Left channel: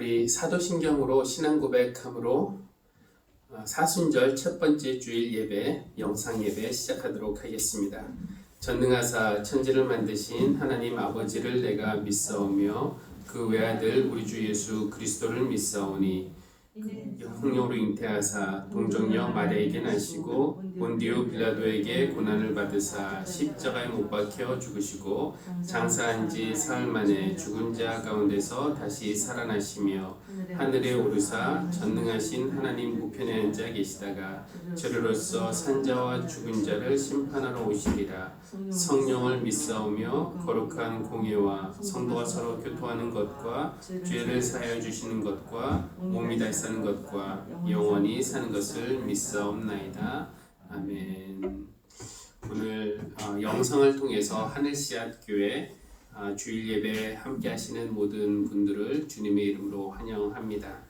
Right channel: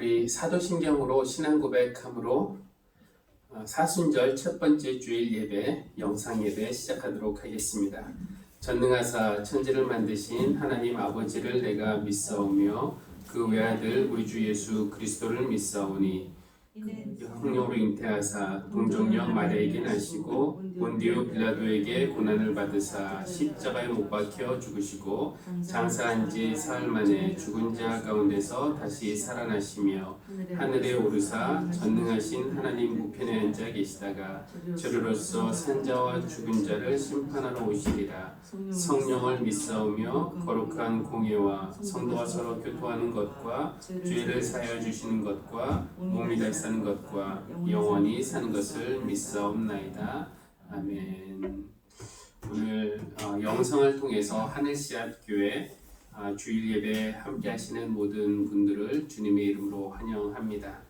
우리 사도신경으로 신앙 고백함으로 사순절 첫 번째 주일 예배, 영상 예배 시작하도록 하겠습니다. 전능하사 천지를 만드신 하나님 아버지를 내가 믿사오며 그 외아들 우리 주 예수 그리스도를 믿사오니 성령으로 잉태하사 동정녀 마리아에게 나시고 본디오 빌라도에게 고난을 받으사 십자가에 못 박혀 죽으시고 장사한 지 사흘 만에 죽은 자 가운데서 다시 살아나시며 하늘에 오르사 전능하신 하나님 우편에 앉아 계시다가 저리로서 산자와 죽은 자를 심판하러 오시리라. 성령을 믿사오며 거룩한 공예와 성도와 서로 교통하는 것과 죄를 사하여 주시는 것과 몸이 다시 사는 것과 영원히 사는 것을 믿사옵나이다. 아멘. 오늘 영상을 통해서 하늘씨앗 교회 주일 예배 함께 하시는 모든 분들을 주님의 이름으로 환영합니다.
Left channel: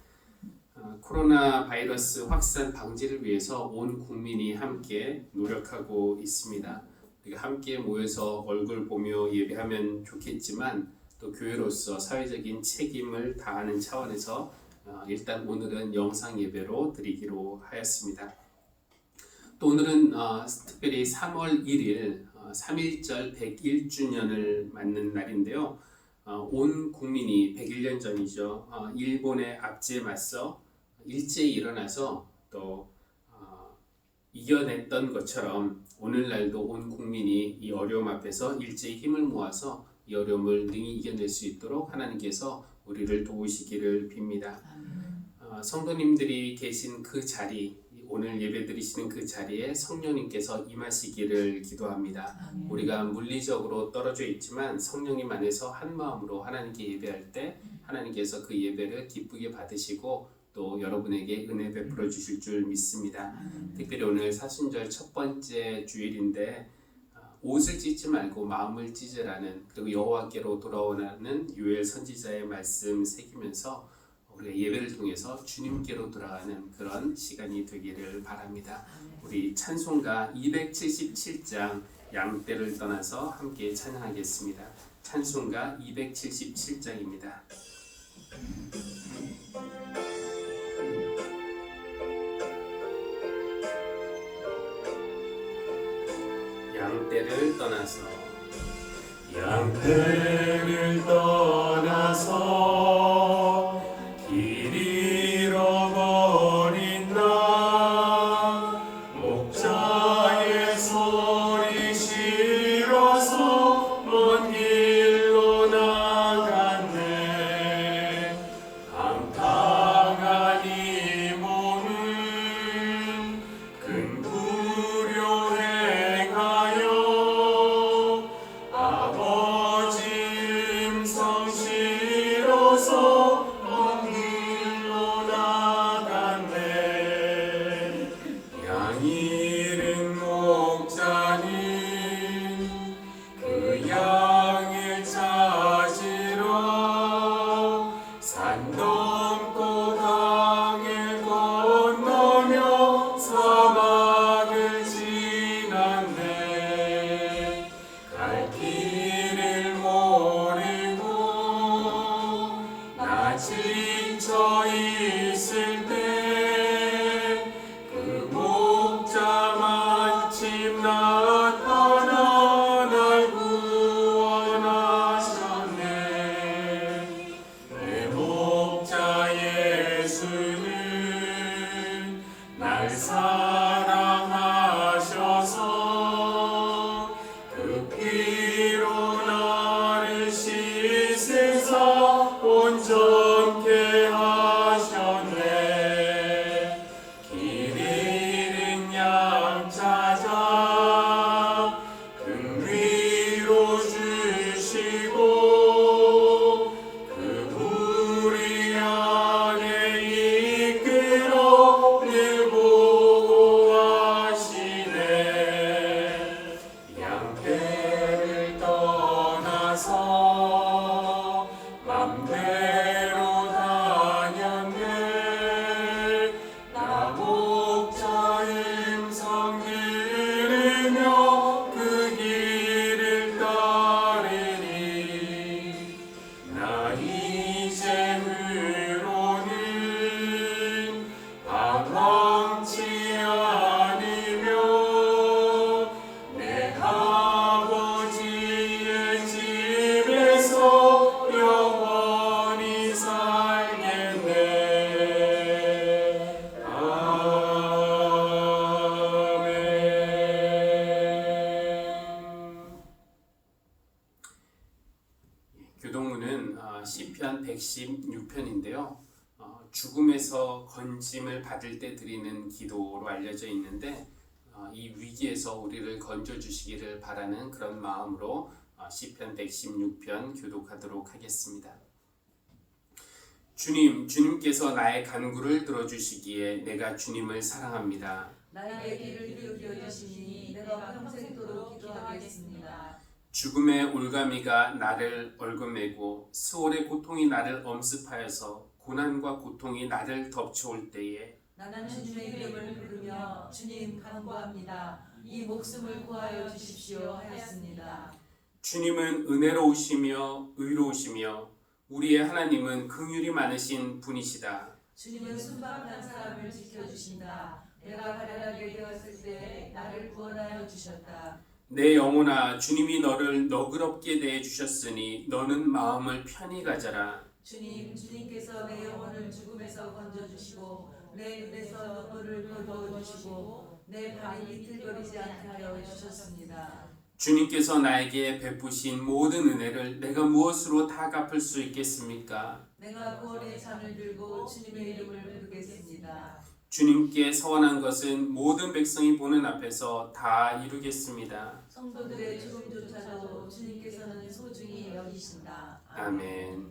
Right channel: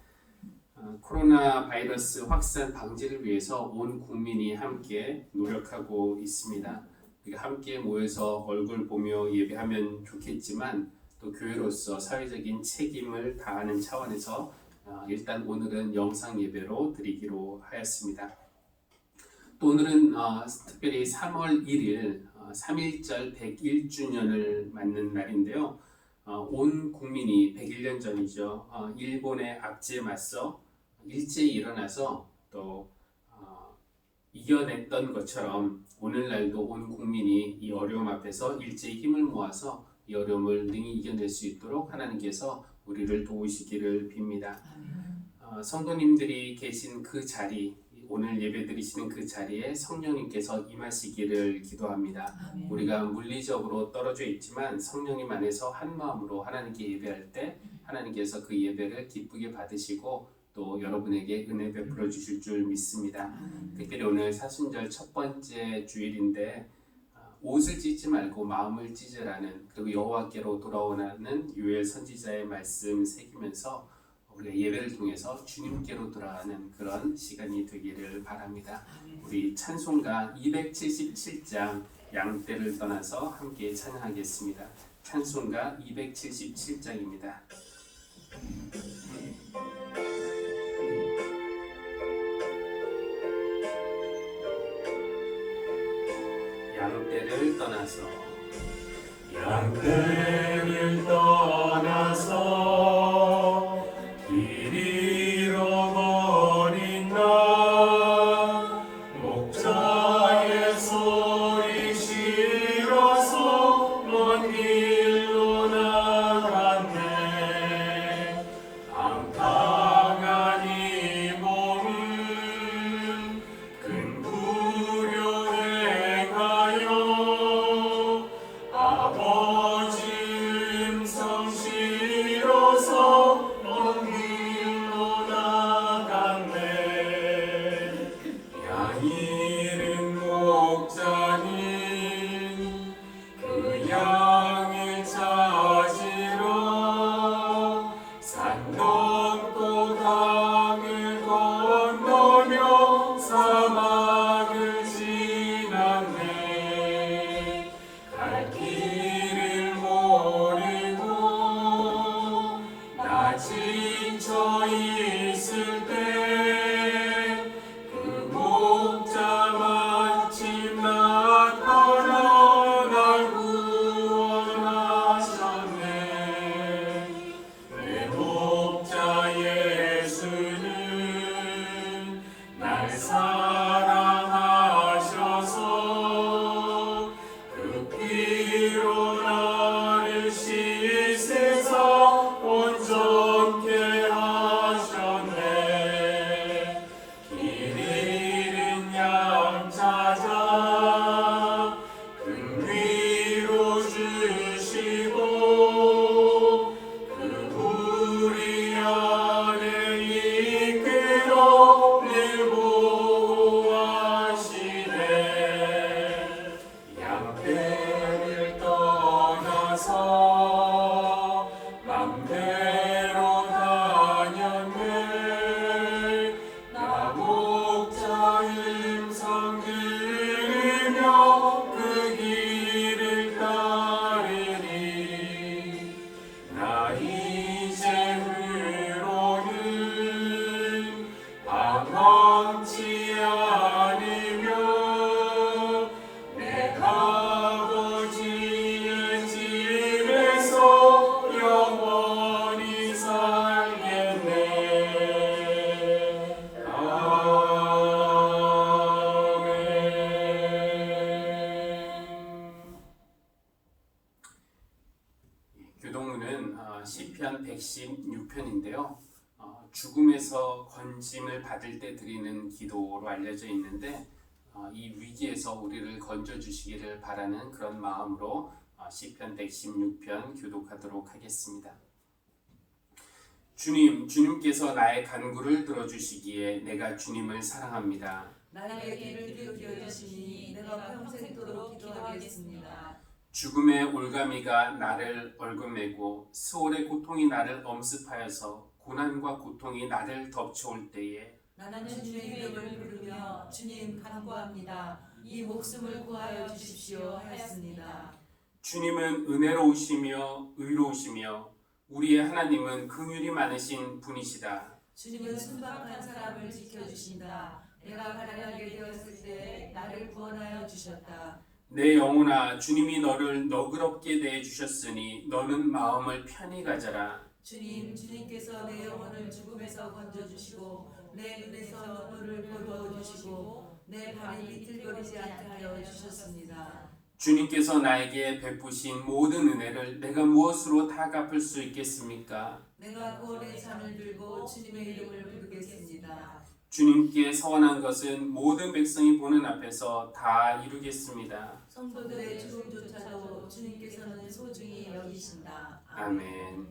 코로나 바이러스 확산 방지를 위해서 온 국민이 함께 노력하고 있습니다. 우리가 함께 모여서 얼굴 보며 예배하면 좋겠지만 또 교회로서 사회적인 책임을 다하는 차원에서 일단 오늘은 영상 예배로 드리기로 하였습니다. 또 오늘은 특별히 3월 1일 3.1절 101주년을 맞는 날인데요. 온 국민이 101년 전이죠. 일본의 압제에 맞서 일제히 일어나서 또 이겨냈던 것처럼 오늘날도 온 국민이 이 어려움 앞에서 일제히 힘을 모아서 이 어려움을 능히 이겨낼 수 있도록 하나님께서 우리를 도우시기를 빕니다. 성도님들이 계신 그 자리, 오늘 예배 드리시는 그 자리에 성령님께서 임하시기를 기도합니다. 우리가 물리적으로 떨어져 있지만 성령님 안에서 한 마음으로 하나님께 예배할 때 하나님께서 그 예배를 기쁘게 받으시고 또 여러분에게 은혜 베풀어 주실 줄 믿습니다. 특별히 오늘 사순절 첫 번째 주일인데 옷을 찢지 말고 마음을 찢으라는, 그리고 여호와께로 돌아오라는 요엘 선지자의 말씀 새기면서 우리가 예배를 통해서 주님께로 돌아가는 그런 시간이 되기를 바랍니다. 우리 찬송가 277장 양떼를 떠나서 함께 찬양하겠습니다. 찬송가 277장입니다. 양떼를 떠나서 양떼를 떠나서 길 잃어버린 나 목자의 소리 싫어서 먼 길로 나갔네. 방탕한 이 몸은 큰 불효 행하여 아버지 음성 싫어서 먼 길로 나갔네. 양 잃은 목자는 그 양을 찾으러 산 넘고 강을 건너며 사막을 지났네. 갈 길을 모르고 나 지쳐 있을 때 그 목자 마침 나타나 날 구원하셨네. 내 목자 예수는 날 사랑하셔서 그 피로 나를 씻으사 온전케 하셨네. 길 잃은 양 찾아 등 위로 주시고 그 우리 안에 이끌어 늘 보호하시네. 양떼를 떠나서 맘대로 다녔네. 나 목자 음성 들으며 그 길을 따르니. 나 이제 116편인데요. 죽음에서 건짐을 받을 때 드리는 기도로 알려져 있는데 이 위기에서 우리를 건져 주시기를 바라는 그런 마음으로 시편 116편 교독하도록 하겠습니다. 주님께서 나의 간구를 들어주시기에 내가 주님을 사랑합니다. 나의 귀를 기울여 주시니 내가 평생도록 기도하겠습니다. 죽음의 올가미가 나를 얼금매고 스올의 고통이 나를 엄습하여서 고난과 고통이 나를 덮쳐올 때에 나는 주님의 이름을 부르며 주님 간구합니다. 이 목숨을 구하여 주십시오 하였습니다. 주님은 은혜로우시며 의로우시며 우리의 하나님은 긍휼이 많으신 분이시다. 주님은 순박한 사람을 지켜주신다. 내가 가난하게 되었을 때 나를 구원하여 주셨다. 내 영혼아, 주님이 너를 너그럽게 대해 주셨으니 너는 마음을 편히 가져라. 주님께서 내 영혼을 죽음에서 건져주시고 내 눈에서 눈물을 거두어주시고 내 발이 비틀거리지 않게 하여 주셨습니다. 주님께서 나에게 베푸신 모든 은혜를 내가 무엇으로 다 갚을 수 있겠습니까? 내가 구원의 잔을 들고 주님의 이름을 부르겠습니다. 주님께 서원한 것은 모든 백성이 보는 앞에서 다 이루겠습니다. 성도들의 죽음조차도 주님께서는 소중히 여기신다. 아멘.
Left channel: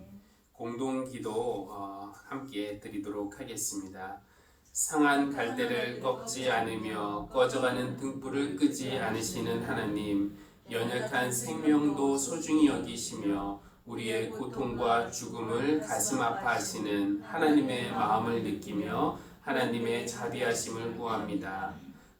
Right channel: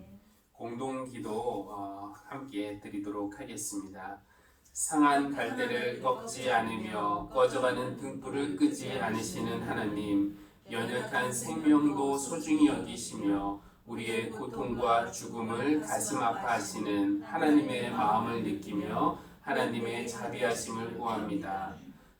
공동기도 함께 드리도록 하겠습니다. 상한 갈대를 꺾지 않으며 꺼져가는 등불을 끄지 않으시는 하나님, 연약한 생명도 소중히 여기시며 우리의 고통과 죽음을 가슴 아파하시는 하나님의 마음을 느끼며 하나님의 자비하심을 구합니다.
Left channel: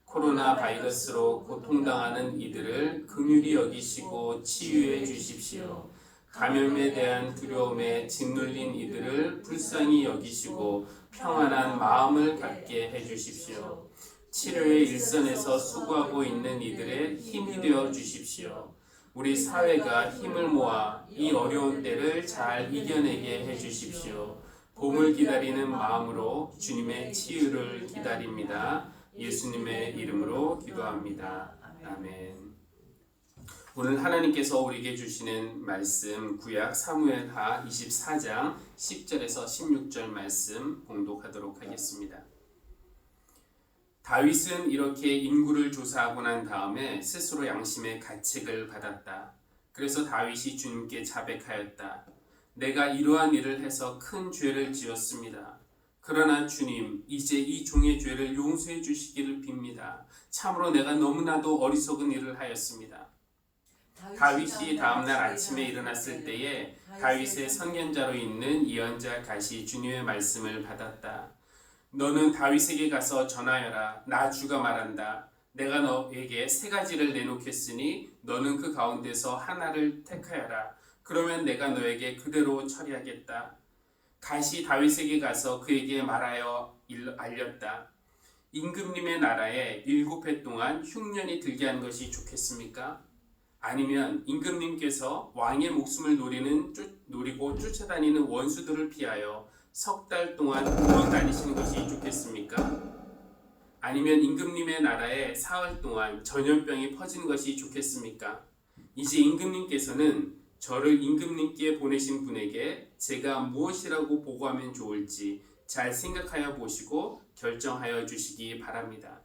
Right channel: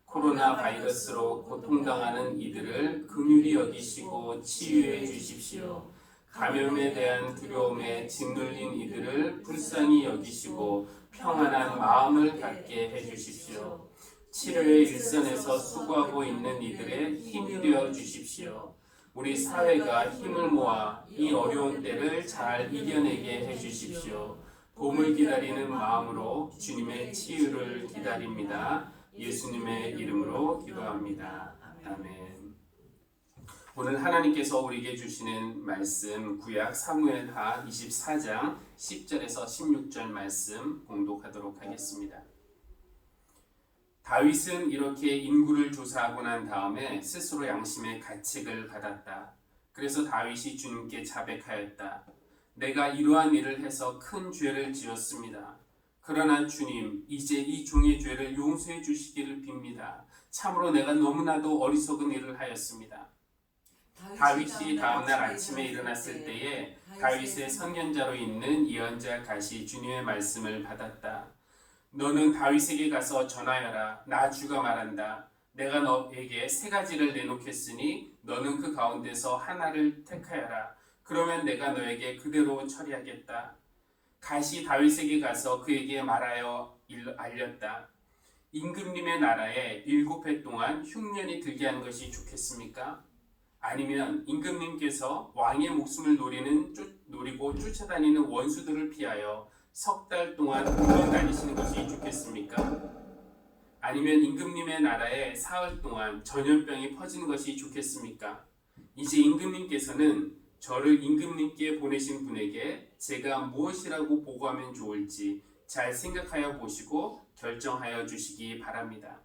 코로나 바이러스로 고통당하는 이들을 긍휼히 여기시고 치유해 주십시오. 감염에 대한 두려움에 짓눌린 이들을 불쌍히 여기시고 평안한 마음을 갖게 해주십시오. 치료의 일선에서 수고하고 있는 이들의 힘이 되어 주십시오. 우리 사회가 힘을 모아 이 어려운 때를 잘 이겨내게 해주십시오. 봄을 기다리는 마음으로 주님의 치유를 기다립니다. 예수님의 이름으로 기도합니다. 아멘. 오늘 하나님께서 우리에게 주시는 말씀 구약 사무엘하 24장 10절에서 16절 말씀 봉독하도록 하겠습니다. 다윗은 이렇게 인구를 조사하고 난 다음에 스스로 양심의 가책을 받았다. 그래서 다윗이 주님께 자백하였다. 내가 이러한 일을 해서 큰 죄를 지었습니다. 그러나 주님, 이제 이 종의 죄를 용서해 주시기를 빕니다. 참으로 내가 너무나도 어리석은 일을 하였습니다. 다윗이 다음날 아침에 일어났을 때에 다윗의 선견자로 있는 예언자 갓이 주님의 말씀을 받았다. 너는 다윗에게 가서 전하여라. 나 주가 말한다. 내가 너에게 세 가지를 내놓겠으니 너는 그 가운데서 하나를 택하여라. 그러면 내가 너에게 그대로 처리하겠다. 갓이 다윗에게 가서 그에게 말하여 알렸다. 임금님의 나라에 7해 동안 흉년이 들게 하는 것이 좋겠습니까? 아니면 임금님께서 왕의 목숨을 노리고 쫓아다니는 원수들을 피하여 석 달 동안 울어 다니시는 것이 좋겠습니까? 아니면 임금님의 나라에 사흘 동안 전염병이 퍼지는 것이 좋겠습니까? 이제 임금님께서는 저를 임금님께 보내신 분에게 제가 무엇이라고 보고하면 좋을지 잘 생각하여 보시고 결정하여 주시기 바랍니다.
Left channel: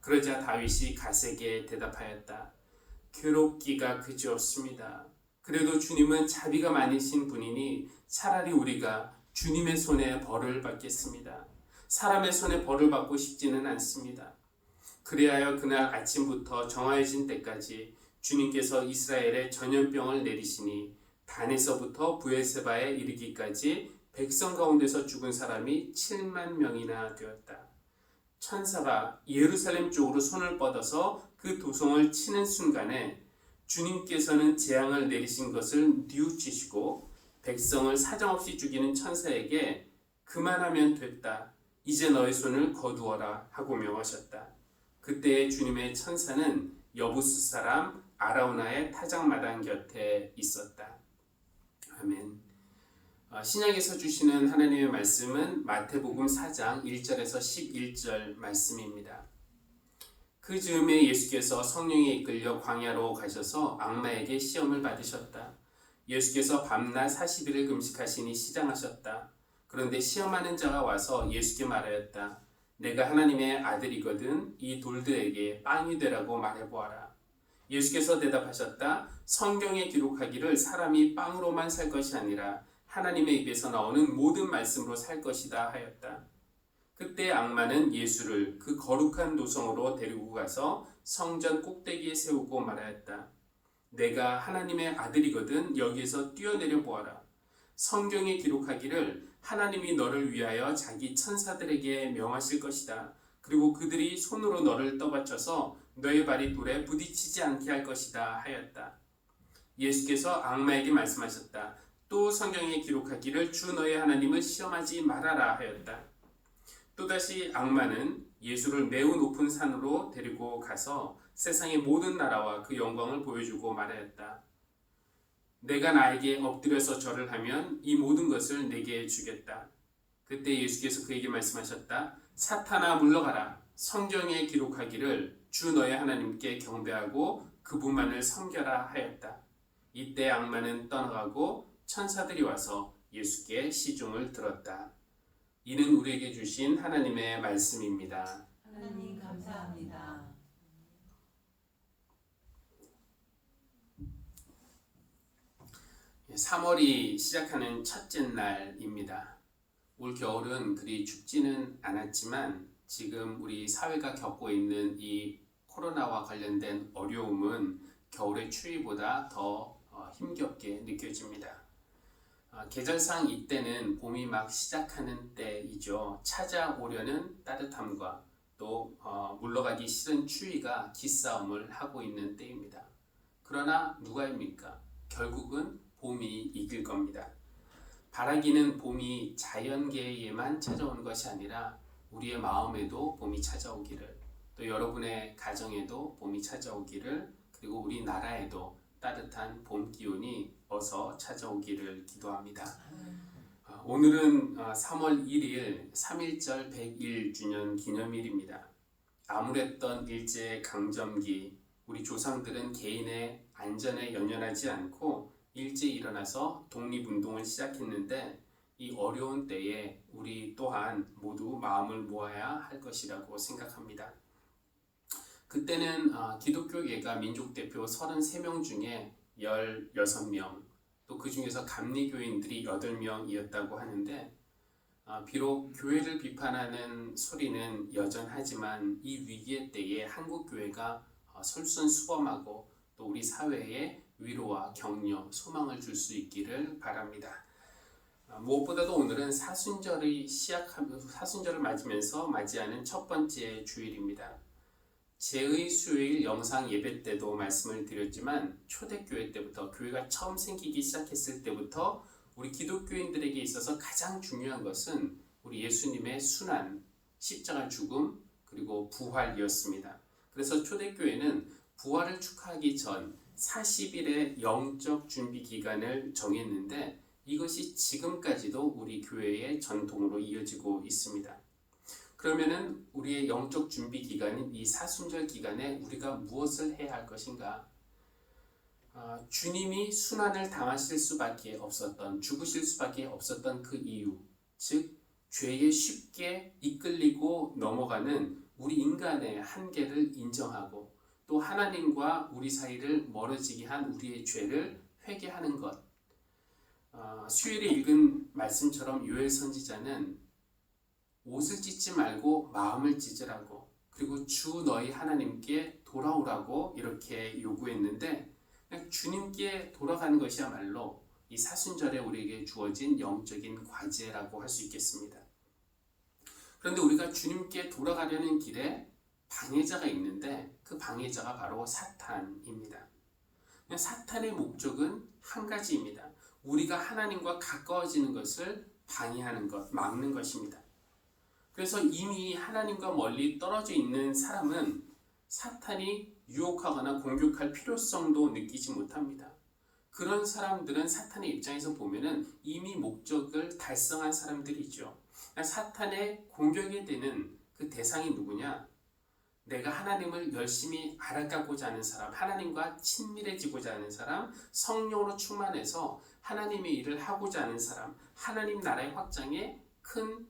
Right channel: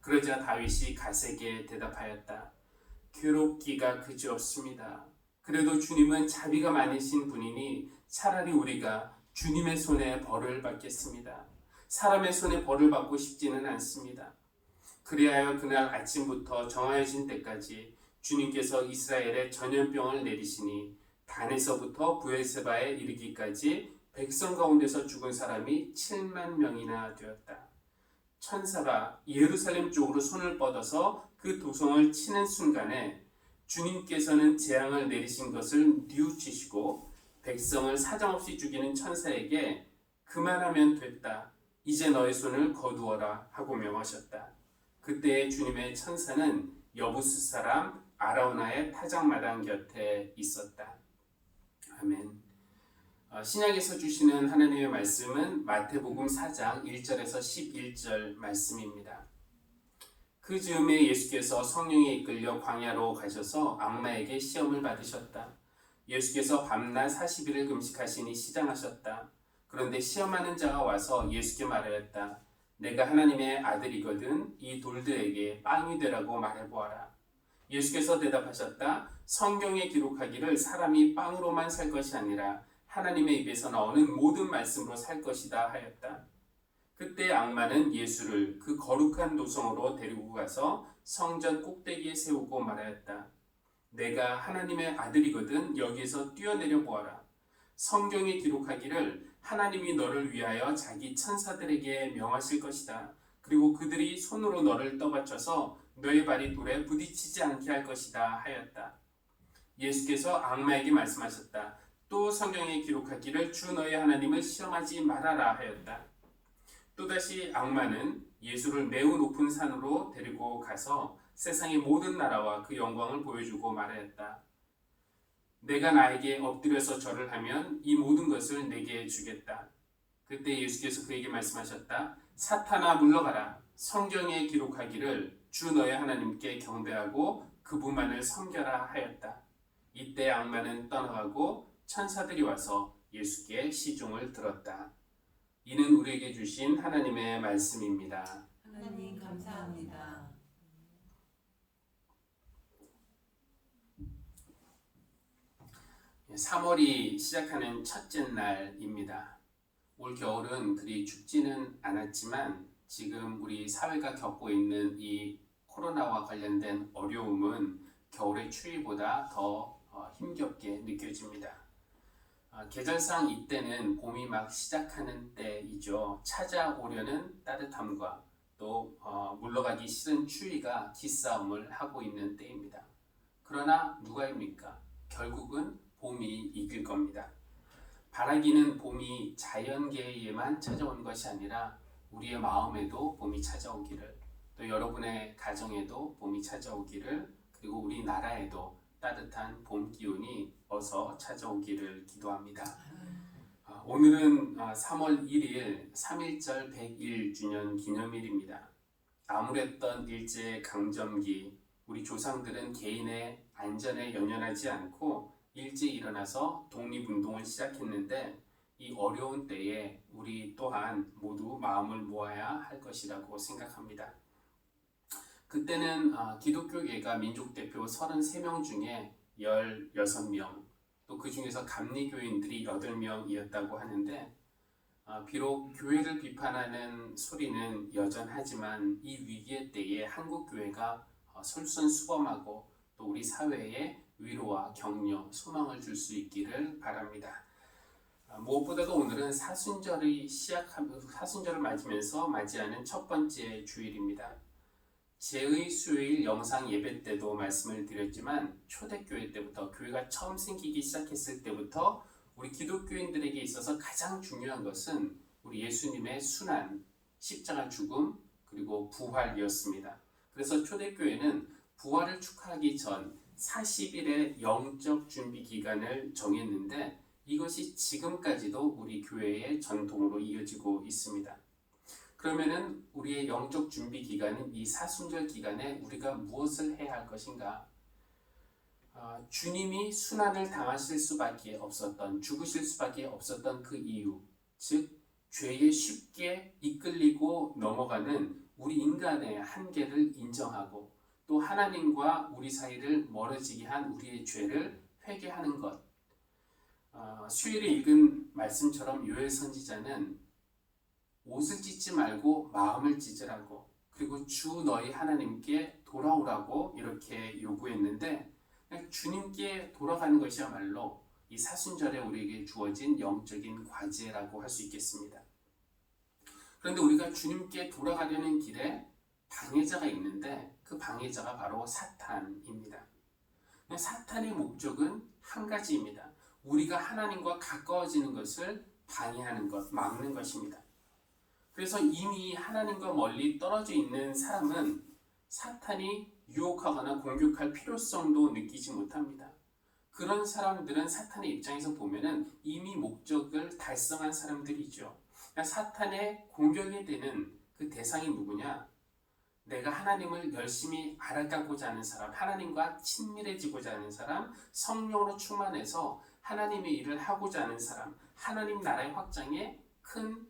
그러자 다윗이 갓에게 대답하였다. 괴롭기가 그지없습니다. 그래도 주님은 자비가 많으신 분이니 차라리 우리가 주님의 손에 벌을 받겠습니다. 사람의 손에 벌을 받고 싶지는 않습니다. 그리하여 그날 아침부터 정하여진 때까지 주님께서 이스라엘에 전염병을 내리시니 단에서부터 브엘세바에 이르기까지 백성 가운데서 죽은 사람이 7만 명이나 되었다. 천사가 예루살렘 쪽으로 손을 뻗어서 그 도성을 치는 순간에 주님께서는 재앙을 내리신 것을 뉘우치시고 백성을 사정없이 죽이는 천사에게 그만하면 됐다. 이제 너의 손을 거두어라 하고 명하셨다. 그때 주님의 천사는 여부스 사람 아라우나의 타작마당 곁에 있었다. 아멘. 신약에서 주시는 하나님의 말씀은 마태복음 4장 1절에서 11절 말씀입니다. 그 즈음에 예수께서 성령에 이끌려 광야로 가셔서 악마에게 시험을 받으셨다. 예수께서 밤낮 40일을 금식하시니 시장하셨다. 그런데 시험하는 자가 와서 예수께 말하였다. 내가 하나님의 아들이거든 이 돌들에게 빵이 되라고 말해보아라. 예수께서 대답하셨다. 성경에 기록하기를 사람이 빵으로만 살 것이 아니라 하나님의 입에서 나오는 모든 말씀으로 살 것이다 하였다. 그때 악마는 예수를 그 거룩한 도성으로 데리고 가서 성전 꼭대기에 세우고 말하였다. 내가 하나님의 아들이거든 여기에서 뛰어내려 보아라. 성경에 기록하기를 하나님이 너를 위하여 자기 천사들에게 명하실 것이다. 그리고 그들이 손으로 너를 떠받쳐서 너의 발이 돌에 부딪히지 않게 할 것이다 하였다. 예수께서 악마에게 말씀하셨다. 또 성경에 기록하기를 주 너의 하나님을 시험하지 말아라 하였다. 또다시 악마는 예수를 매우 높은 산으로 데리고 가서 세상의 모든 나라와 그 영광을 보여주고 말하였다. 내가 나에게 엎드려서 절을 하면 이 모든 것을 내게 주겠다. 그때 예수께서 그에게 말씀하셨다. 사탄아 물러가라. 성경에 기록하기를 주 너의 하나님께 경배하고 그분만을 섬겨라 하였다. 이때 악마는 떠나가고 천사들이 와서 예수께 시종을 들었다. 이는 우리에게 주신 하나님의 말씀입니다. 하나님 감사합니다. 예, 3월이 시작하는 첫째 날입니다. 올 겨울은 그리 춥지는 않았지만 지금 우리 사회가 겪고 있는 이 코로나와 관련된 어려움은 겨울의 추위보다 더 힘겹게 느껴집니다. 계절상 이때는 봄이 막 시작하는 때이죠. 찾아오려는 따뜻함과 또 물러가기 싫은 추위가 기싸움을 하고 있는 때입니다. 그러나 누가입니까? 결국은 봄이 이길 겁니다. 바라기는 봄이 자연계에만 찾아오는 것이 아니라 우리의 마음에도 봄이 찾아오기를, 또 여러분의 가정에도 봄이 찾아오기를, 그리고 우리나라에도 따뜻한 봄 기운이 어서 찾아오기를 기도합니다. 오늘은 3월 1일 3.1절 101주년 기념일입니다. 암울했던 일제강점기, 우리 조상들은 개인의 안전에 연연하지 않고 일찍 일어나서 독립운동을 시작했는데 이 어려운 때에 우리 또한 모두 마음을 모아야 할 것이라고 생각합니다. 그때는 기독교계가 민족대표 33명 중에 16명, 또 그 중에서 감리교인들이 8명이었다고 하는데 비록 교회를 비판하는 소리는 여전하지만 이 위기의 때에 한국교회가 솔선수범하고 또 우리 사회에 위로와 격려, 소망을 줄 수 있기를 바랍니다. 무엇보다도 오늘은 사순절을 맞으면서 맞이하는 첫 번째 주일입니다. 제의 수요일 영상 예배 때도 말씀을 드렸지만 초대교회 때부터, 교회가 처음 생기기 시작했을 때부터 우리 기독교인들에게 있어서 가장 중요한 것은 우리 예수님의 순환, 십자가 죽음, 그리고 부활이었습니다. 그래서 초대교회는 부활을 축하하기 전 40일의 영적 준비 기간을 정했는데 이것이 지금까지도 우리 교회의 전통으로 이어지고 있습니다. 그러면은 우리의 영적 준비 기간인 이 사순절 기간에 우리가 무엇을 해야 할 것인가? 주님이 순환을 당하실 수밖에 없었던, 죽으실 수밖에 없었던 그 이유, 즉 죄에 쉽게 이끌리고 넘어가는 우리 인간의 한계를 인정하고 또 하나님과 우리 사이를 멀어지게 한 우리의 죄를 회개하는 것. 수요일에 읽은 말씀처럼 요엘 선지자는 옷을 찢지 말고 마음을 찢으라고, 그리고 주 너희 하나님께 돌아오라고 이렇게 요구했는데 주님께 돌아가는 것이야말로 이 사순절에 우리에게 주어진 영적인 과제라고 할 수 있겠습니다. 그런데 우리가 주님께 돌아가려는 길에 방해자가 있는데 그 방해자가 바로 사탄입니다. 사탄의 목적은 한 가지입니다. 우리가 하나님과 가까워지는 것을 방해하는 것, 막는 것입니다. 그래서 이미 하나님과 멀리 떨어져 있는 사람은 사탄이 유혹하거나 공격할 필요성도 느끼지 못합니다. 그런 사람들은 사탄의 입장에서 보면은 이미 목적을 달성한 사람들이죠. 사탄의 공격에 되는 그 대상이 누구냐? 내가 하나님을 열심히 알아가고자 하는 사람, 하나님과 친밀해지고자 하는 사람, 성령으로 충만해서 하나님의 일을 하고자 하는 사람, 하나님 나라의 확장에 큰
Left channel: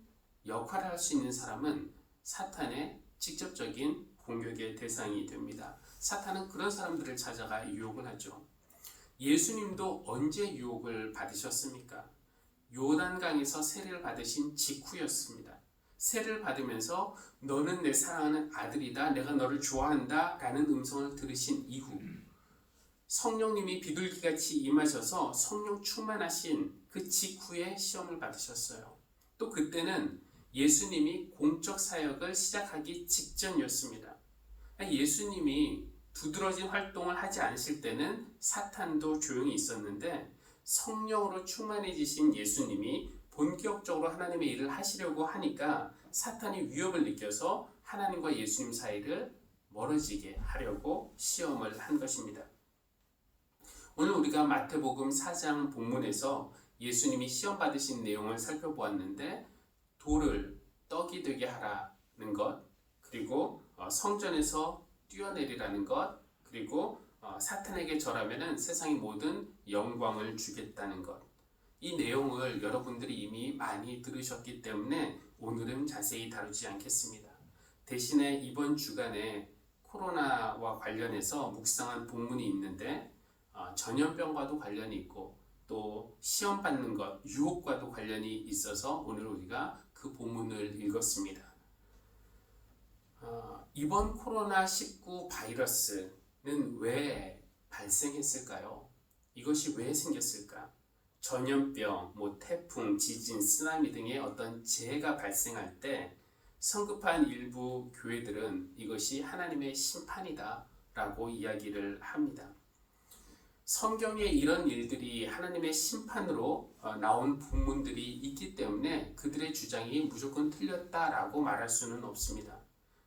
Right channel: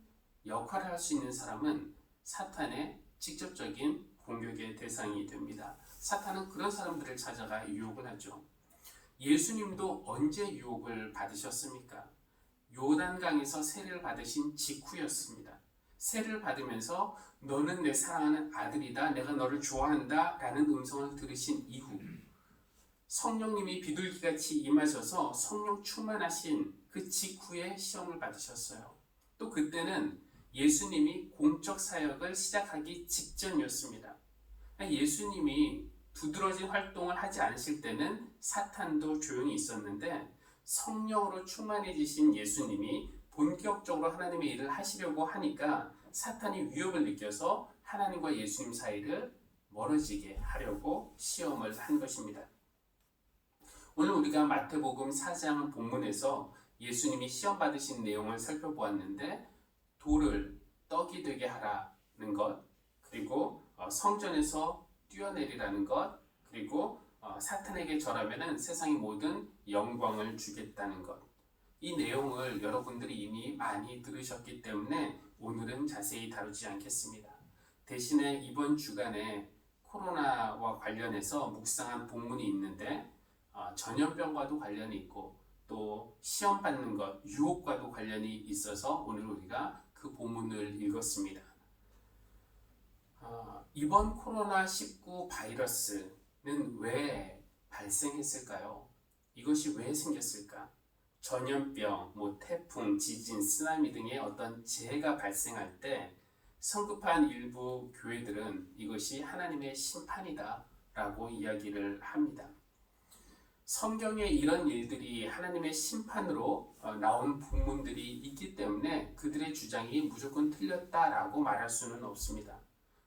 역할을 할 수 있는 사람은 사탄의 직접적인 공격의 대상이 됩니다. 사탄은 그런 사람들을 찾아가 유혹을 하죠. 예수님도 언제 유혹을 받으셨습니까? 요단강에서 세례를 받으신 직후였습니다. 세례를 받으면서 너는 내 사랑하는 아들이다, 내가 너를 좋아한다 라는 음성을 들으신 이후 성령님이 비둘기같이 임하셔서 성령 충만하신 그 직후에 시험을 받으셨어요. 또 그때는 예수님이 공적 사역을 시작하기 직전이었습니다. 예수님이 두드러진 활동을 하지 않으실 때는 사탄도 조용히 있었는데 성령으로 충만해지신 예수님이 본격적으로 하나님의 일을 하시려고 하니까 사탄이 위협을 느껴서 하나님과 예수님 사이를 멀어지게 하려고 시험을 한 것입니다. 오늘 우리가 마태복음 4장 본문에서 예수님이 시험 받으신 내용을 살펴보았는데 돌을 떡이 되게 하라는 것, 그리고 성전에서 뛰어내리라는 것, 그리고 사탄에게 절하면은 세상의 모든 영광을 주겠다는 것. 이 내용을 여러분들이 이미 많이 들으셨기 때문에 오늘은 자세히 다루지 않겠습니다. 대신에 이번 주간에 코로나와 관련해서 묵상한 본문이 있는데 전염병과도 관련이 있고 또 시험 받는 것, 유혹과도 관련이 있어서 오늘 우리가 그 본문을 읽었습니다. 이번 코로나19 바이러스는 왜 발생했을까요? 이것이 왜 생겼을까? 전염병, 태풍, 지진, 쓰나미 등의 어떤 재해가 발생할 때 성급한 일부 교회들은 이것이 하나님의 심판이다 라고 이야기를 합니다. 성경에 이런 일들이 하나님의 심판으로 나온 본문들이 있기 때문에 그들의 주장이 무조건 틀렸다라고 말할 수는 없습니다.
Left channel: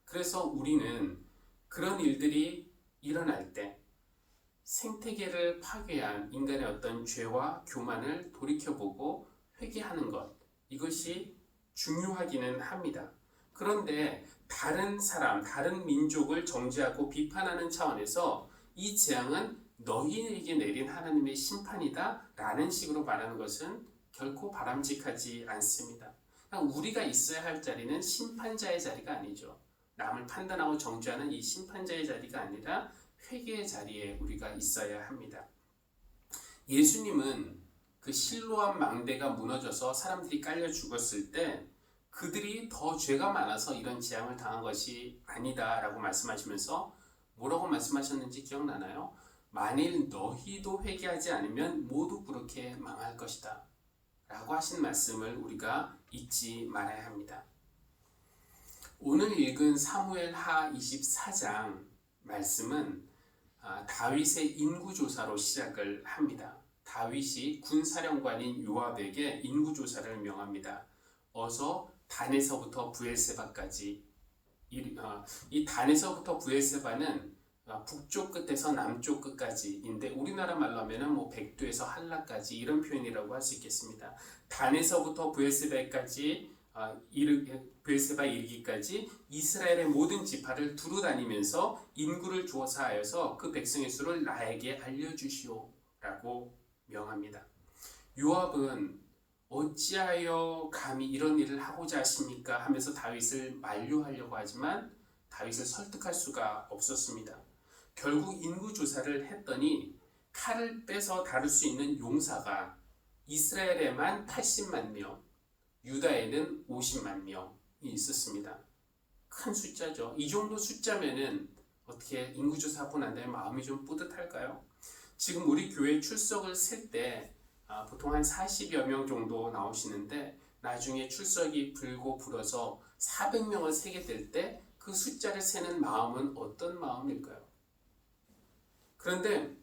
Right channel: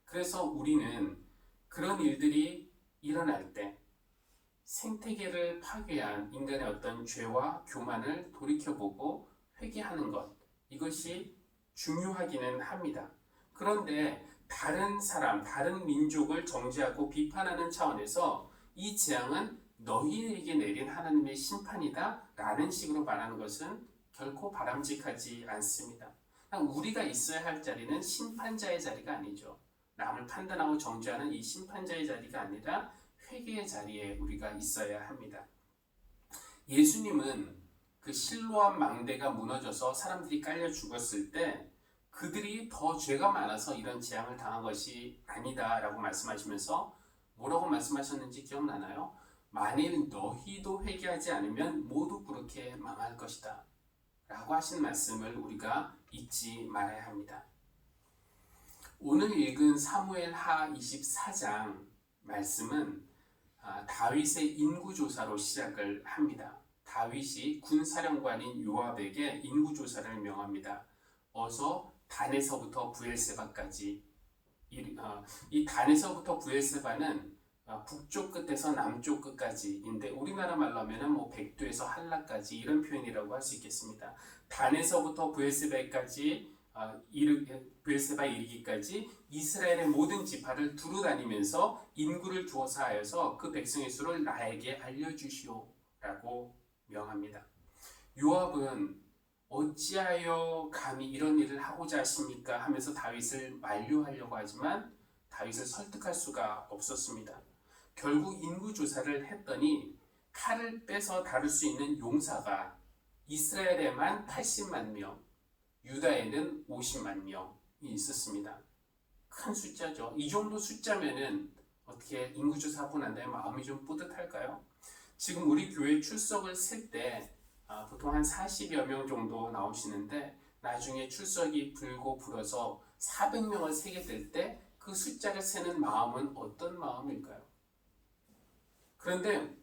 그래서 우리는 그런 일들이 일어날 때 생태계를 파괴한 인간의 어떤 죄와 교만을 돌이켜보고 회개하는 것, 이것이 중요하기는 합니다. 그런데 다른 사람, 다른 민족을 정죄하고 비판하는 차원에서 이 재앙은 너희에게 내린 하나님의 심판이다 라는 식으로 말하는 것은 결코 바람직하지 않습니다. 우리가 있어야 할 자리는 심판자의 자리가 아니죠. 남을 판단하고 정죄하는 이 심판자의 자리가 아니라 회개의 자리에 우리가 있어야 합니다. 예수님은 그 실로암 망대가 무너져서 사람들이 깔려 죽었을 때 그들이 더 죄가 많아서 이런 재앙을 당한 것이 아니다 라고 말씀하시면서 뭐라고 말씀하셨는지 기억나나요? 만일 너희도 회개하지 않으면 모두 그렇게 망할 것이다 라고 하신 말씀을 우리가 잊지 말아야 합니다. 오늘 읽은 사무엘하 24장 말씀은 다윗의 인구조사로 시작을 합니다. 다윗이 군사령관인 요압에게 인구조사를 명합니다. 어서 단에서부터 브엘세바까지, 이 단에서부터 브엘세바는 북쪽 끝에서 남쪽 끝까지인데 우리나라 말로 하면 백두에서 한라까지 이런 표현이라고 할 수 있겠습니다. 단에서부터 브엘세바까지 브엘세바 이르기까지 이스라엘의 모든 지파를 두루 다니면서 인구를 조사하여서 그 백성의 수를 나에게 알려주시오 라고 명합니다. 요압은 어찌하여 감히 이런 일을 하고자 하십니까 하면서 다윗을 만류하려고 하지만 다윗을 설득할 수가 없었습니다. 결국 인구조사를 했더니 칼을 빼서 다룰 수 있는 용사가 이스라엘에만 80만 명, 유다에는 50만 명이 있었습니다. 큰 숫자죠. 이 정도 숫자면은 어떻게 인구조사하고 난 다음에 마음이 좀 뿌듯할까요? 지금 우리 교회 출석을 셀 때 보통 한 40여 명 정도 나오시는데 나중에 출석이 불어서 400명을 세게 될 때 그 숫자를 세는 마음은 어떤 마음일까요? 그런데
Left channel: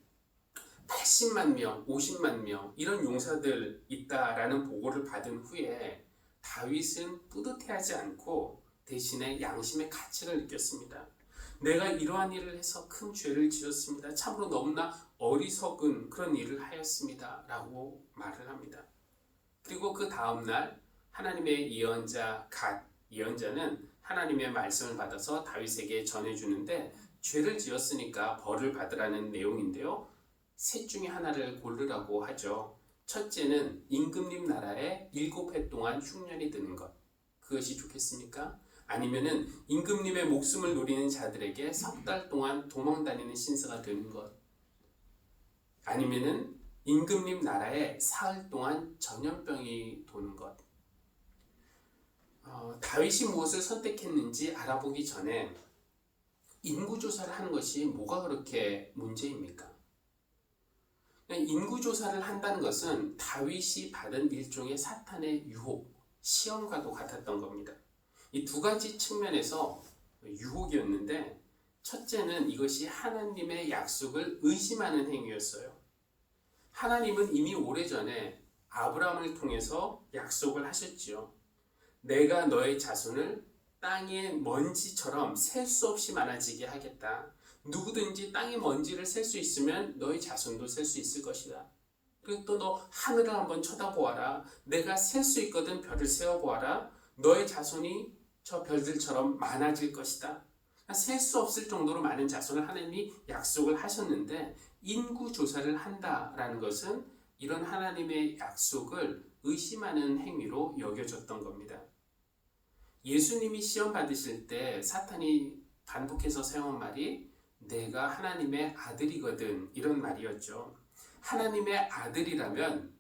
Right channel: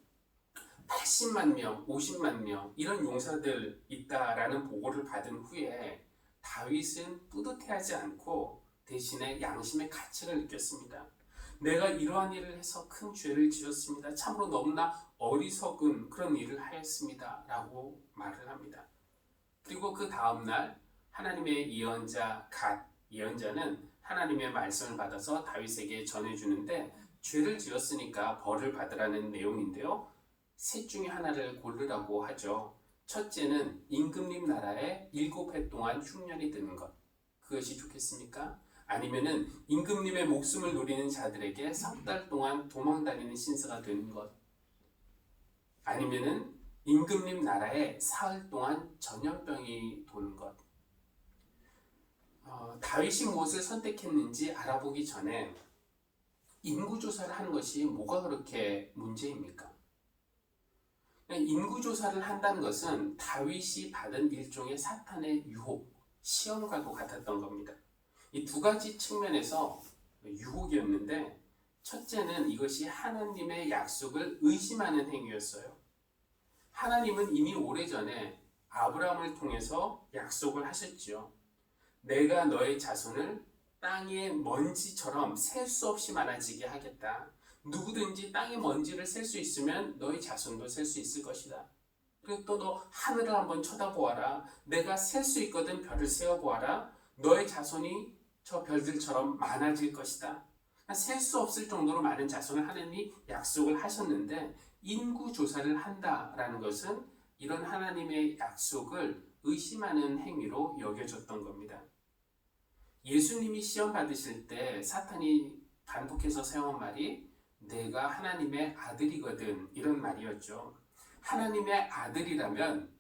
80만 명, 50만 명 이런 용사들 있다라는 보고를 받은 후에 다윗은 뿌듯해하지 않고 대신에 양심의 가책을 느꼈습니다. 내가 이러한 일을 해서 큰 죄를 지었습니다. 참으로 너무나 어리석은 그런 일을 하였습니다. 라고 말을 합니다. 그리고 그 다음날 하나님의 예언자 갓 예언자는 하나님의 말씀을 받아서 다윗에게 전해주는데 죄를 지었으니까 벌을 받으라는 내용인데요. 셋 중에 하나를 고르라고 하죠. 첫째는 임금님 나라에 7해 동안 흉년이 드는 것. 그것이 좋겠습니까? 아니면은 임금님의 목숨을 노리는 자들에게 석 달 동안 도망다니는 신세가 되는 것. 아니면은 임금님 나라에 사흘 동안 전염병이 도는 것. 다윗이 무엇을 선택했는지 알아보기 전에 인구조사를 하는 것이 뭐가 그렇게 문제입니까? 인구조사를 한다는 것은 다윗이 받은 일종의 사탄의 유혹, 시험과도 같았던 겁니다. 이 두 가지 측면에서 유혹이었는데, 첫째는 이것이 하나님의 약속을 의심하는 행위였어요. 하나님은 이미 오래전에 아브라함을 통해서 약속을 하셨지요. 내가 너의 자손을 땅의 먼지처럼 셀 수 없이 많아지게 하겠다. 누구든지 땅의 먼지를 셀 수 있으면 너의 자손도 셀 수 있을 것이다. 그리고 또 너 하늘을 한번 쳐다보아라. 내가 셀 수 있거든 별을 세어보아라. 너의 자손이 저 별들처럼 많아질 것이다. 셀 수 없을 정도로 많은 자손을 하나님이 약속을 하셨는데, 인구 조사를 한다라는 것은 이런 하나님의 약속을 의심하는 행위로 여겨졌던 겁니다. 예수님이 시험 받으실 때 사탄이 반복해서 사용한 말이 내가 하나님의 아들이거든, 이런 말이었죠. 하나님의 아들이라면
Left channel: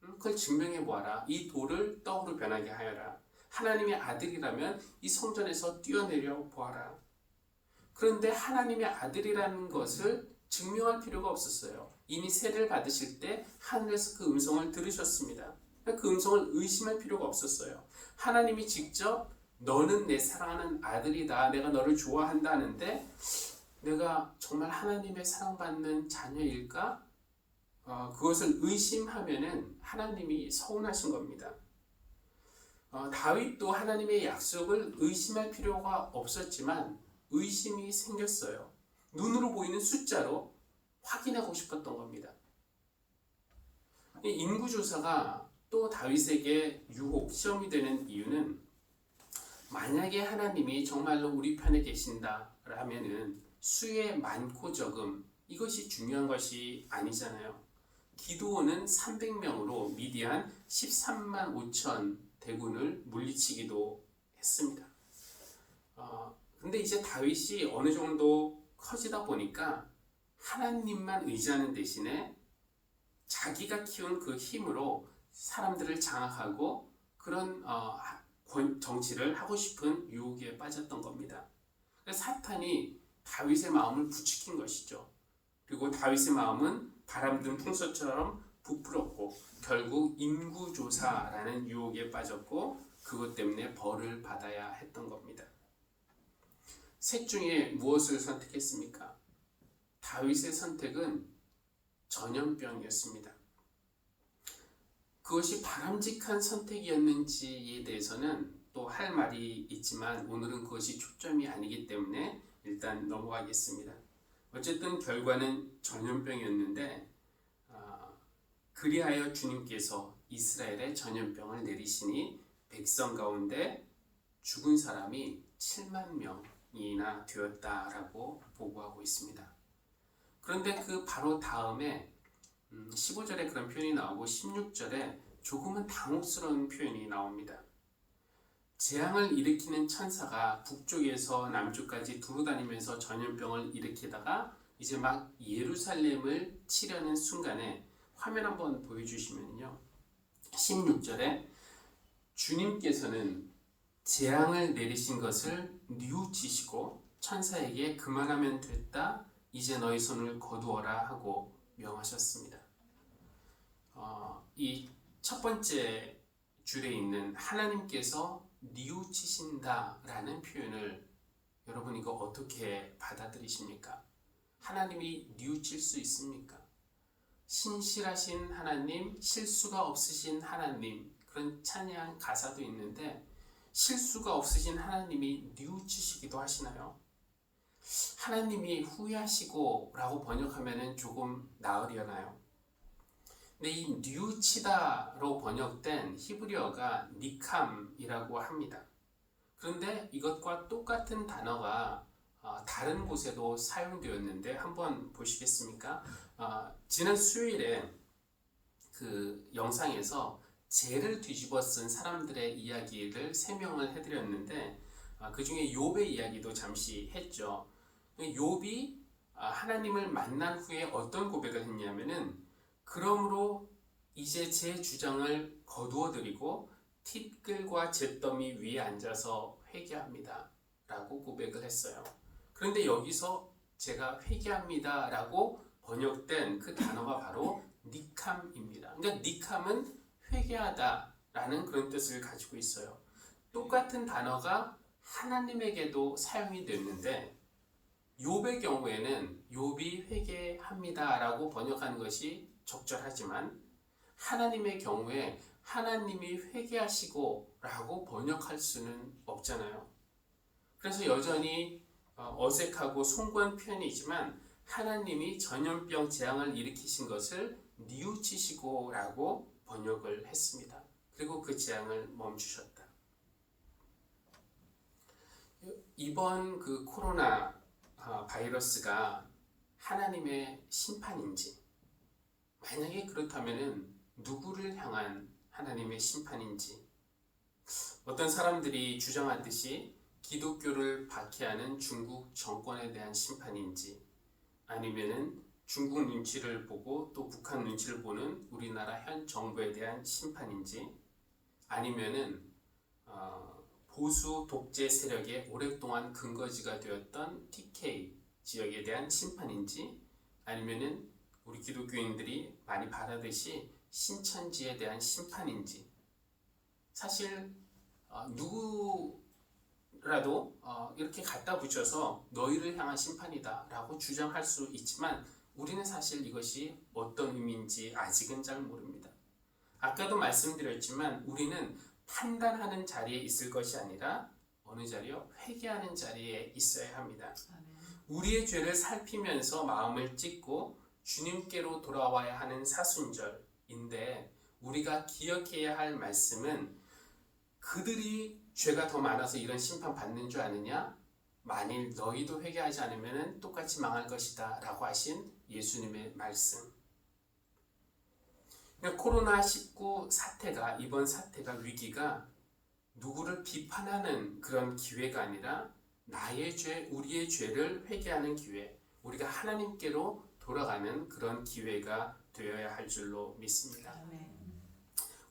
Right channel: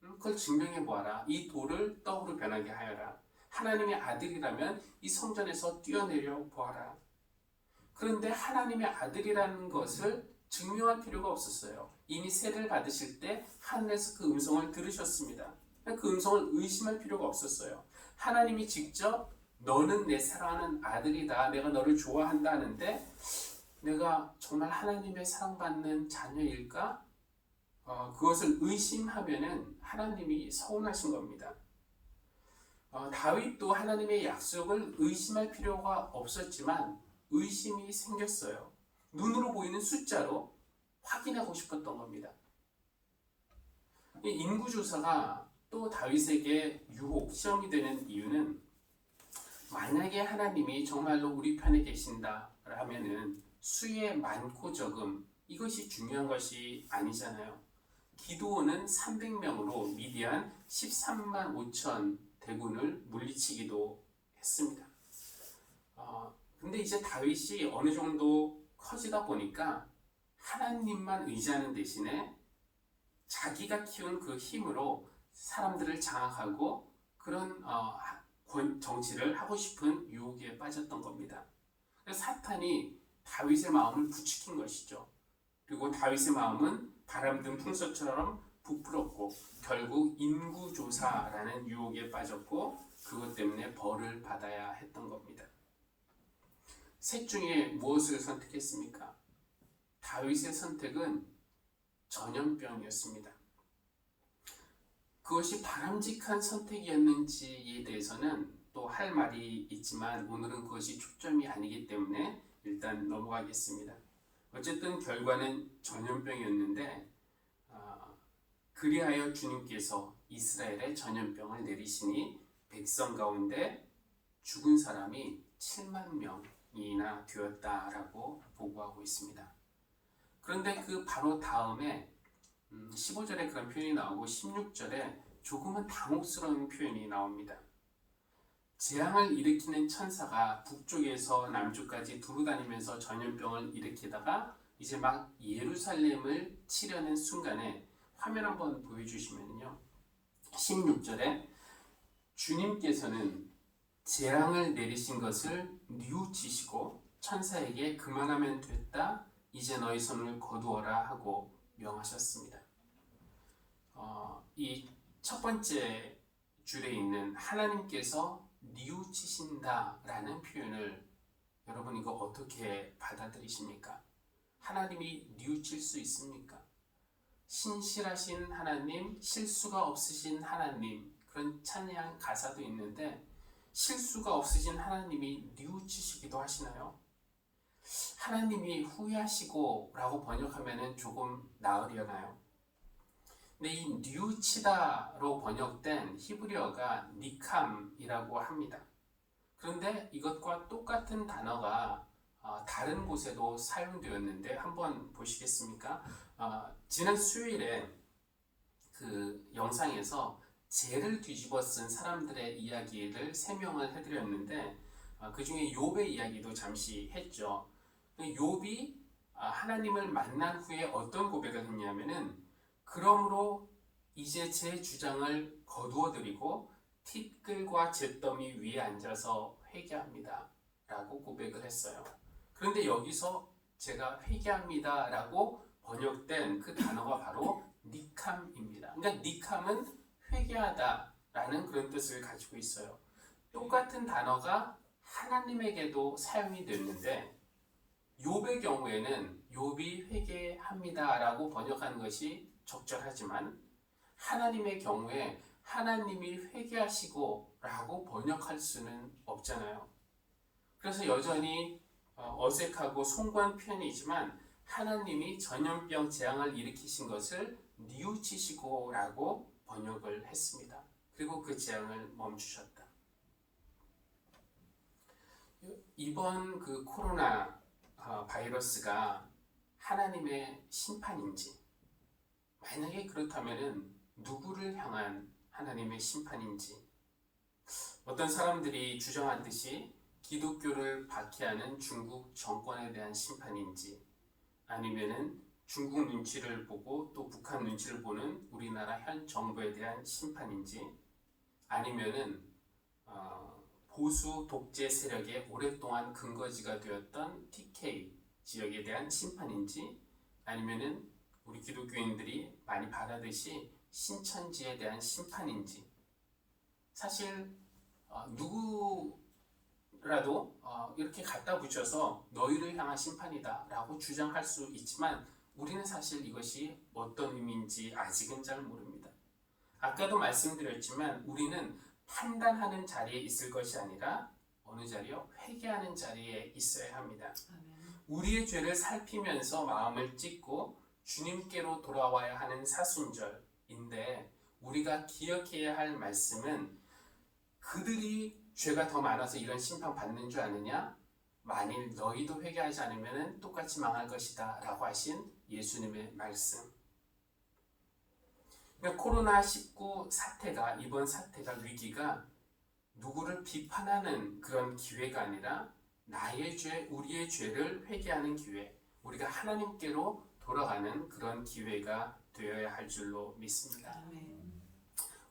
그걸 증명해 보아라. 이 돌을 떡으로 변하게 하여라. 하나님의 아들이라면 이 성전에서 뛰어내려 보아라. 그런데 하나님의 아들이라는 것을 증명할 필요가 없었어요. 이미 세례를 받으실 때 하늘에서 그 음성을 들으셨습니다. 그 음성을 의심할 필요가 없었어요. 하나님이 직접 너는 내 사랑하는 아들이다. 내가 너를 좋아한다 하는데 내가 정말 하나님의 사랑받는 자녀일까? 그것을 의심하면은 하나님이 서운하신 겁니다. 다윗도 하나님의 약속을 의심할 필요가 없었지만 의심이 생겼어요. 눈으로 보이는 숫자로 확인하고 싶었던 겁니다. 이 인구조사가 또 다윗에게 유혹, 시험이 되는 이유는 만약에 하나님이 정말로 우리 편에 계신다라면은 수의 많고 적음, 이것이 중요한 것이 아니잖아요. 기드온은 300명으로 미디안 13만 5천 대군을 물리치기도 했습니다. 근데 이제 다윗이 어느 정도 커지다 보니까 하나님만 의지하는 대신에 자기가 키운 그 힘으로 사람들을 장악하고 그런 정치를 하고 싶은 유혹에 빠졌던 겁니다. 사탄이 다윗의 마음을 부추긴 것이죠. 그리고 다윗의 마음은 바람든 풍소처럼 부풀었고 결국 인구조사라는 유혹에 빠졌고 그것 때문에 벌을 받아야 했던 겁니다. 셋 중에 무엇을 선택했습니까? 다윗의 선택은 전염병이었습니다. 그것이 바람직한 선택이었는지에 대해서는 또 할 말이 있지만 오늘은 그것이 초점이 아니기 때문에 일단 넘어가겠습니다. 어쨌든 결과는 전염병이었는데 그리하여 주님께서 이스라엘에 전염병을 내리시니 백성 가운데 죽은 사람이 7만 명이나 되었다라고 보고하고 있습니다. 그런데 그 바로 다음에 15절에 그런 표현이 나오고 16절에 조금은 당혹스러운 표현이 나옵니다. 재앙을 일으키는 천사가 북쪽에서 남쪽까지 두루다니면서 전염병을 일으키다가 이제 막 예루살렘을 치려는 순간에 화면 한번 보여주시면요. 16절에 주님께서는 재앙을 내리신 것을 뉘우치시고 천사에게 그만하면 됐다. 이제 너희 손을 거두어라 하고 명하셨습니다. 이 첫 번째 줄에 있는 하나님께서 뉘우치신다라는 표현을 여러분 이거 어떻게 받아들이십니까? 하나님이 뉘우칠 수 있습니까? 신실하신 하나님, 실수가 없으신 하나님, 그런 찬양 가사도 있는데 실수가 없으신 하나님이 뉘우치시기도 하시나요? 하나님이 후회하시고 라고 번역하면 조금 나으려나요? 근데 이 뉘우치다로 번역된 히브리어가 니캄이라고 합니다. 그런데 이것과 똑같은 단어가 다른 곳에도 사용되었는데 한번 보시겠습니까? 지난 수요일에 그 영상에서 죄를 뒤집어 쓴 사람들의 이야기를 설명을 해드렸는데 그 중에 욥의 이야기도 잠시 했죠. 욥이 하나님을 만난 후에 어떤 고백을 했냐면은 그러므로 이제 제 주장을 거두어드리고 티끌과 잿더미 위에 앉아서 회개합니다 라고 고백을 했어요. 그런데 여기서 제가 회개합니다 라고 번역된 그 단어가 바로 니캄입니다. 그러니까 니캄은 회개하다 라는 그런 뜻을 가지고 있어요. 똑같은 단어가 하나님에게도 사용이 됐는데 욥의 경우에는 욥이 회개합니다 라고 번역하는 것이 적절하지만 하나님의 경우에 하나님이 회개하시고 라고 번역할 수는 없잖아요. 그래서 여전히 어색하고 송구한 표현이지만 하나님이 전염병 재앙을 일으키신 것을 뉘우치시고 라고 번역을 했습니다. 그리고 그 재앙을 멈추셨다. 이번 그 코로나 바이러스가 하나님의 심판인지, 만약에 그렇다면은 누구를 향한 하나님의 심판인지, 어떤 사람들이 주장하듯이 기독교를 박해하는 중국 정권에 대한 심판인지, 아니면은 중국 눈치를 보고 또 북한 눈치를 보는 우리나라 현 정부에 대한 심판인지, 아니면은 보수 독재 세력의 오랫동안 근거지가 되었던 TK 지역에 대한 심판인지, 아니면은 우리 기독교인들이 많이 바라듯이 신천지에 대한 심판인지, 사실 누구라도 이렇게 갖다 붙여서 너희를 향한 심판이다 라고 주장할 수 있지만 우리는 사실 이것이 어떤 의미인지 아직은 잘 모릅니다. 아까도 말씀드렸지만 우리는 판단하는 자리에 있을 것이 아니라 어느 자리요? 회개하는 자리에 있어야 합니다. 우리의 죄를 살피면서 마음을 찢고 주님께로 돌아와야 하는 사순절인데 우리가 기억해야 할 말씀은 그들이 죄가 더 많아서 이런 심판 받는 줄 아느냐? 만일 너희도 회개하지 않으면 똑같이 망할 것이다 라고 하신 예수님의 말씀. 그러니까 코로나19 사태가, 이번 사태가, 위기가 누구를 비판하는 그런 기회가 아니라 나의 죄, 우리의 죄를 회개하는 기회, 우리가 하나님께로 돌아가는 그런 기회가 되어야 할 줄로 믿습니다.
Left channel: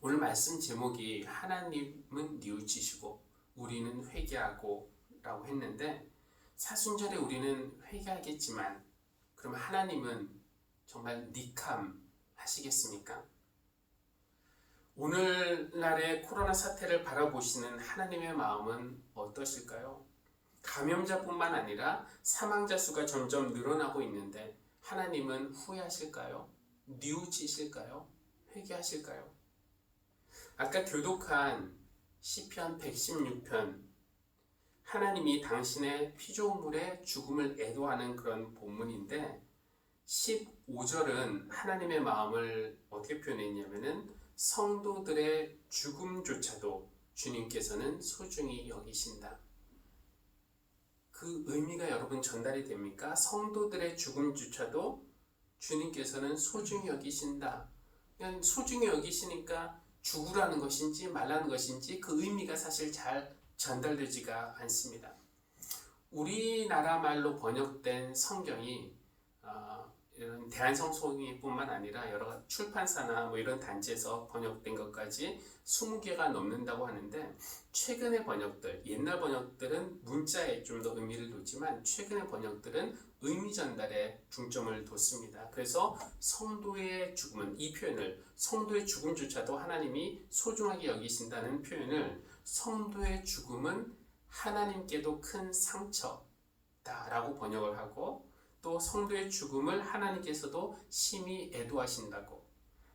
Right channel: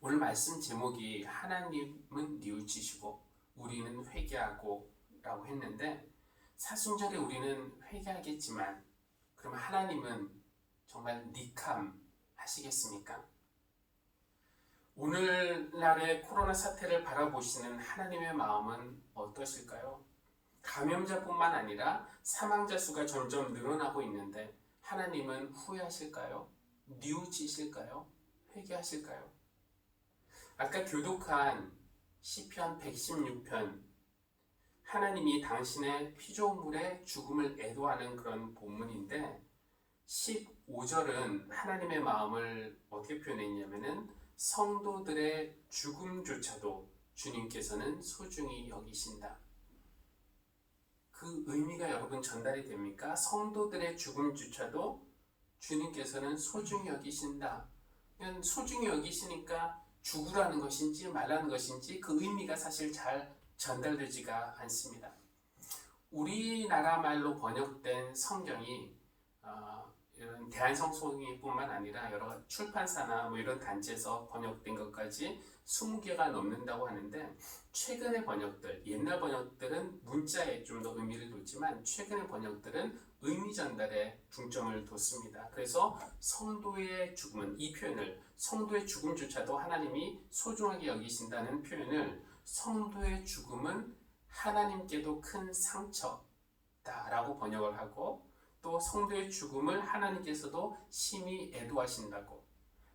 오늘 말씀 제목이 하나님은 뉘우치시고 우리는 회개하고 라고 했는데 사순절에 우리는 회개하겠지만 그러면 하나님은 정말 니캄 하시겠습니까? 오늘날의 코로나 사태를 바라보시는 하나님의 마음은 어떠실까요? 감염자뿐만 아니라 사망자 수가 점점 늘어나고 있는데 하나님은 후회하실까요? 뉘우치실까요? 회개하실까요? 아까 교독한 시편 116편, 하나님이 당신의 피조물의 죽음을 애도하는 그런 본문인데 15절은 하나님의 마음을 어떻게 표현했냐면은 성도들의 죽음조차도 주님께서는 소중히 여기신다. 그 의미가 여러분 전달이 됩니까? 성도들의 죽음조차도 주님께서는 소중히 여기신다. 그냥 소중히 여기시니까 죽으라는 것인지 말라는 것인지 그 의미가 사실 잘 전달되지가 않습니다. 우리나라 말로 번역된 성경이 이런 대한성소뿐만 아니라 여러 출판사나 이런 단체에서 번역된 것까지 20개가 넘는다고 하는데 최근의 번역들, 옛날 번역들은 문자에 좀 더 의미를 뒀지만 최근의 번역들은 의미 전달에 중점을 뒀습니다. 그래서 성도의 죽음은, 이 표현을 성도의 죽음조차도 하나님이 소중하게 여기신다는 표현을 성도의 죽음은 하나님께도 큰 상처다라고 번역을 하고 또 성도의 죽음을 하나님께서도 심히 애도하신다고,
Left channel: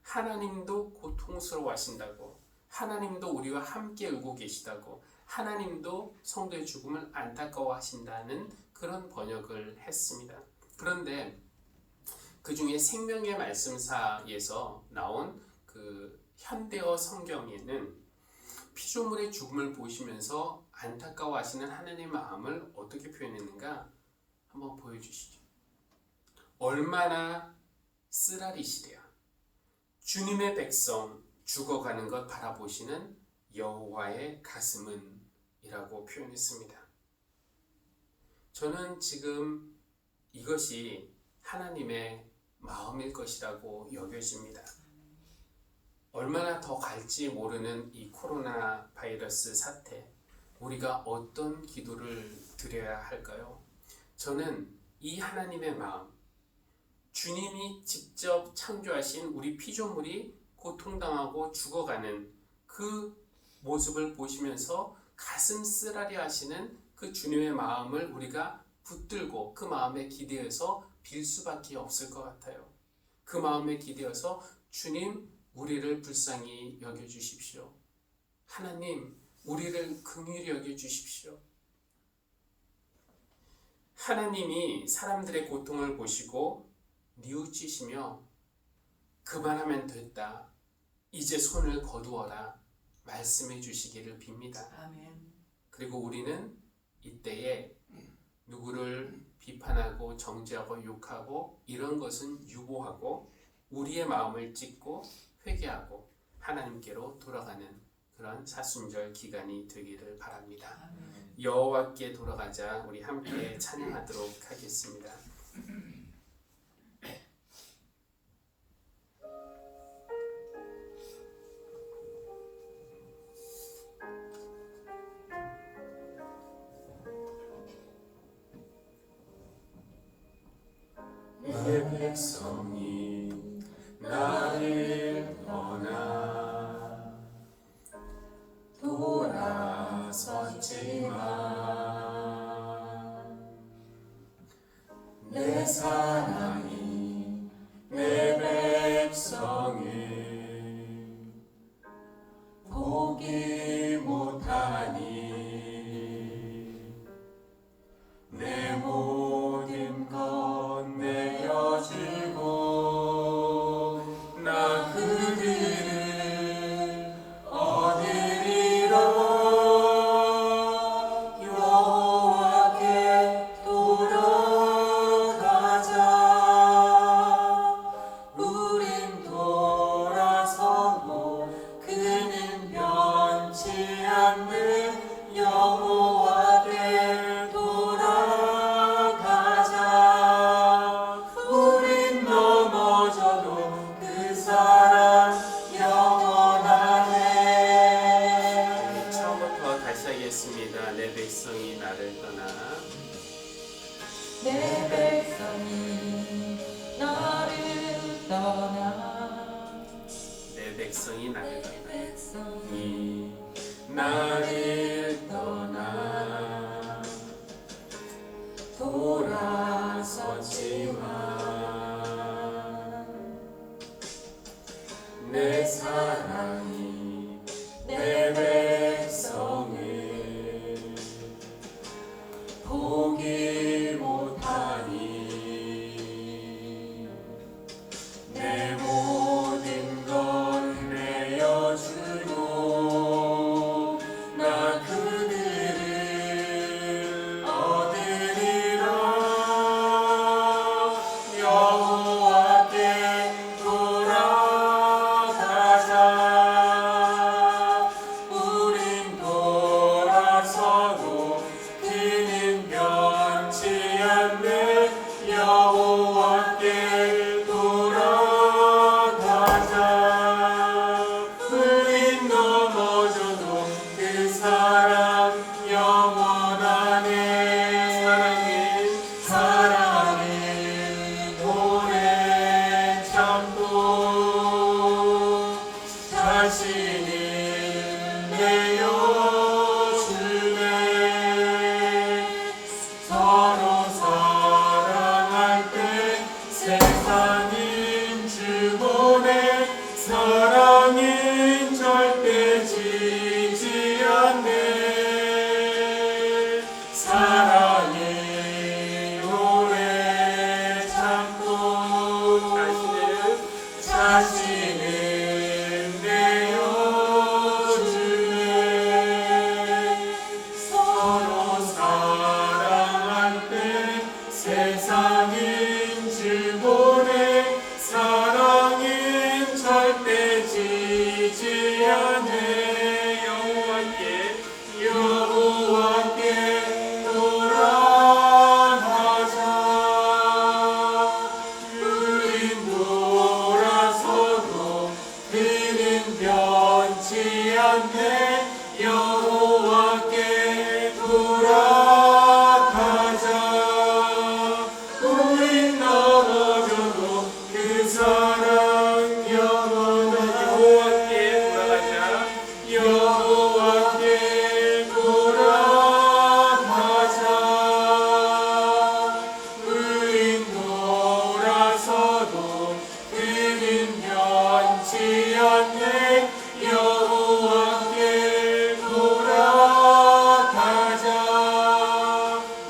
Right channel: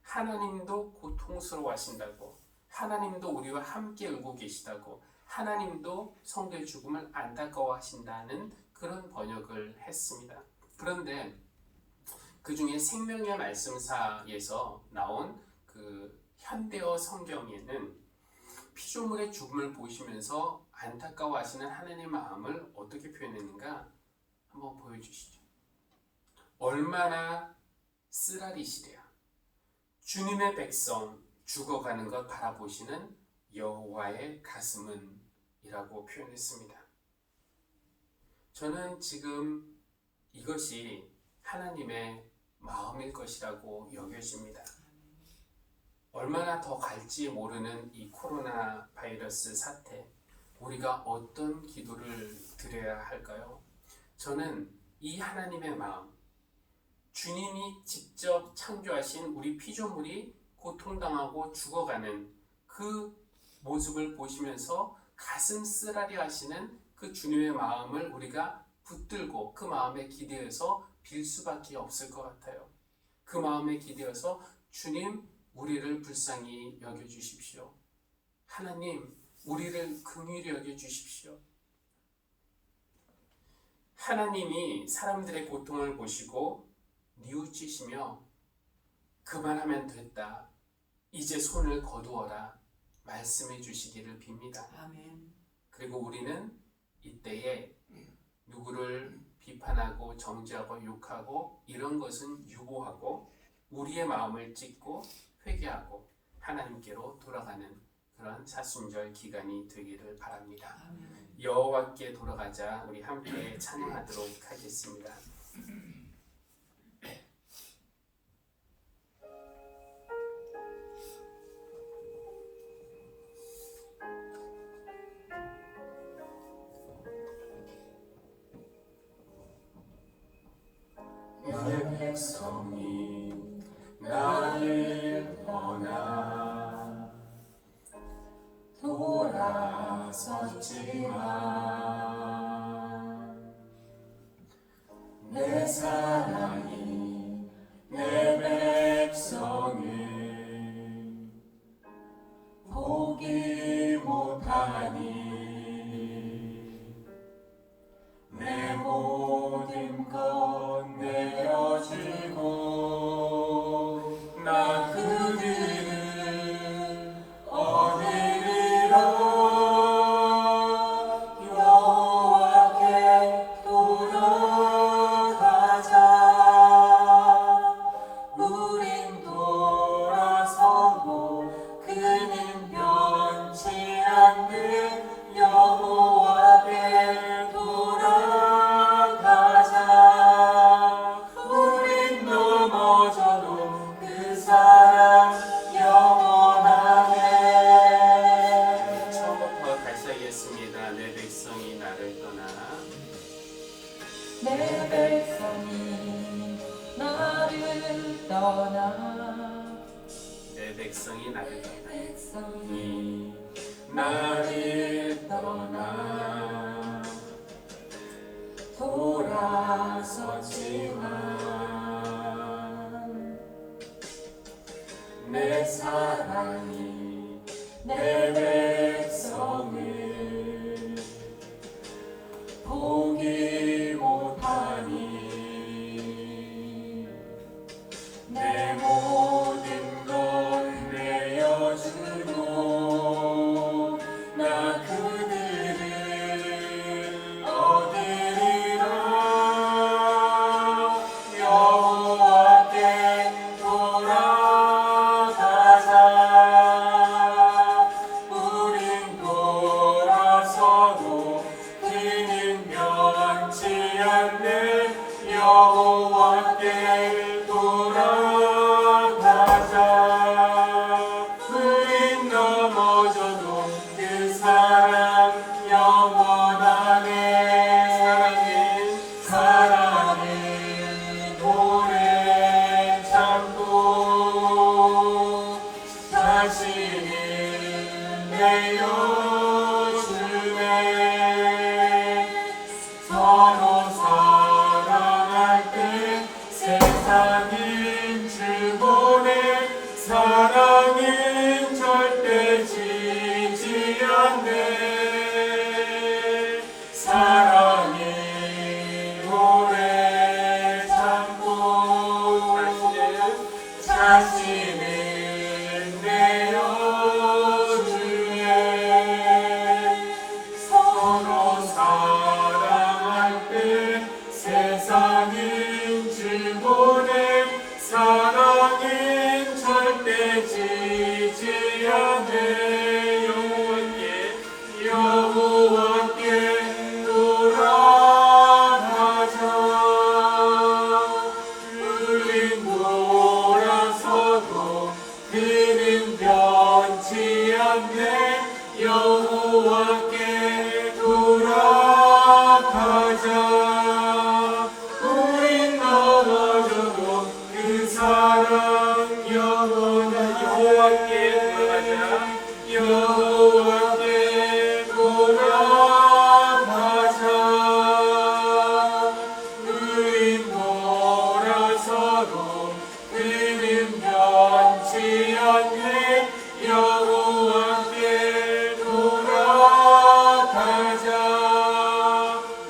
하나님도 고통스러워하신다고, 하나님도 우리와 함께 울고 계시다고, 하나님도 성도의 죽음을 안타까워하신다는 그런 번역을 했습니다. 그런데 그 중에 생명의 말씀사에서 나온 그 현대어 성경에는 피조물의 죽음을 보시면서 안타까워하시는 하나님의 마음을 어떻게 표현했는가 한번 보여주시죠. 얼마나 쓰라리시랴. 주님의 백성 죽어가는 것 바라보시는 여호와의 가슴은 이라고 표현했습니다. 저는 지금 이것이 하나님의 마음일 것이라고 여겨집니다. 얼마나 더 갈지 모르는 이 코로나 바이러스 사태, 우리가 어떤 기도를 드려야 할까요? 저는 이 하나님의 마음, 주님이 직접 창조하신 우리 피조물이 고통당하고 죽어가는 그 모습을 보시면서 가슴 쓰라리 하시는 그 주님의 마음을 우리가 붙들고 그 마음에 기대어서 빌 수밖에 없을 것 같아요. 그 마음에 기대어서 주님, 우리를 불쌍히 여겨주십시오. 하나님, 우리를 긍휼히 여겨주십시오. 하나님이 사람들의 고통을 보시고 뉘우치시며 그만하면 됐다, 이제 손을 거두어라 말씀해 주시기를 빕니다. 아멘. 그리고 우리는 이때에 누구를 비판하고 정죄하고 욕하고 이런 것은 유보하고 우리의 마음을 찢고 회개하고 하나님께로 돌아가는 그런 사순절 기간이 되기를 바랍니다. 아멘. 여호와께 돌아가자. 우리 함께 찬양하도록 하겠습니다. 내 백성이 나를 떠나 돌아섰지만 내 사랑이 내 백성을 포기 못하니 내 모든 것 내어주고 나 그들을 얻으리라. 여호와께 돌아가자. 우린 돌아서고 그는 변치 않는 여호와께 돌아가자. 우린 넘어져도 그 사랑 영원하네. 처음부터 다시 하겠습니다. 내 백성이 나를 떠나 내 백성이 나를 떠나 내 백성이 나를 떠나 백성이 나를 떠나 돌아섰지만 내 사랑이 내 백성을 포기 못하니 내 모든 것 내어주고 나 그들을 얻으리라. 여호와께 돌아가자. 우린 돌아서도 그는 변치 않네. 여호와께 돌아가자. 우린 넘어져도 그 사랑 영원하네. 사랑은 오래 참고 자신을 내어주네. 서로 사랑할 때 세상은 주보네. 사랑은 절대 지지 않네. 사랑이 오래 참고 자신을 내어주네. 세상인 주보내 사랑은 절대 지지 않네 여호와께 돌아가자 우린 돌아서도 그는 변치 않네 여호와께 돌아가자 우린 넘어져도 그 사랑 영원하게 여호와께 돌아가자 우린 돌아서도 그는 변치 않네 여호와께 돌아가자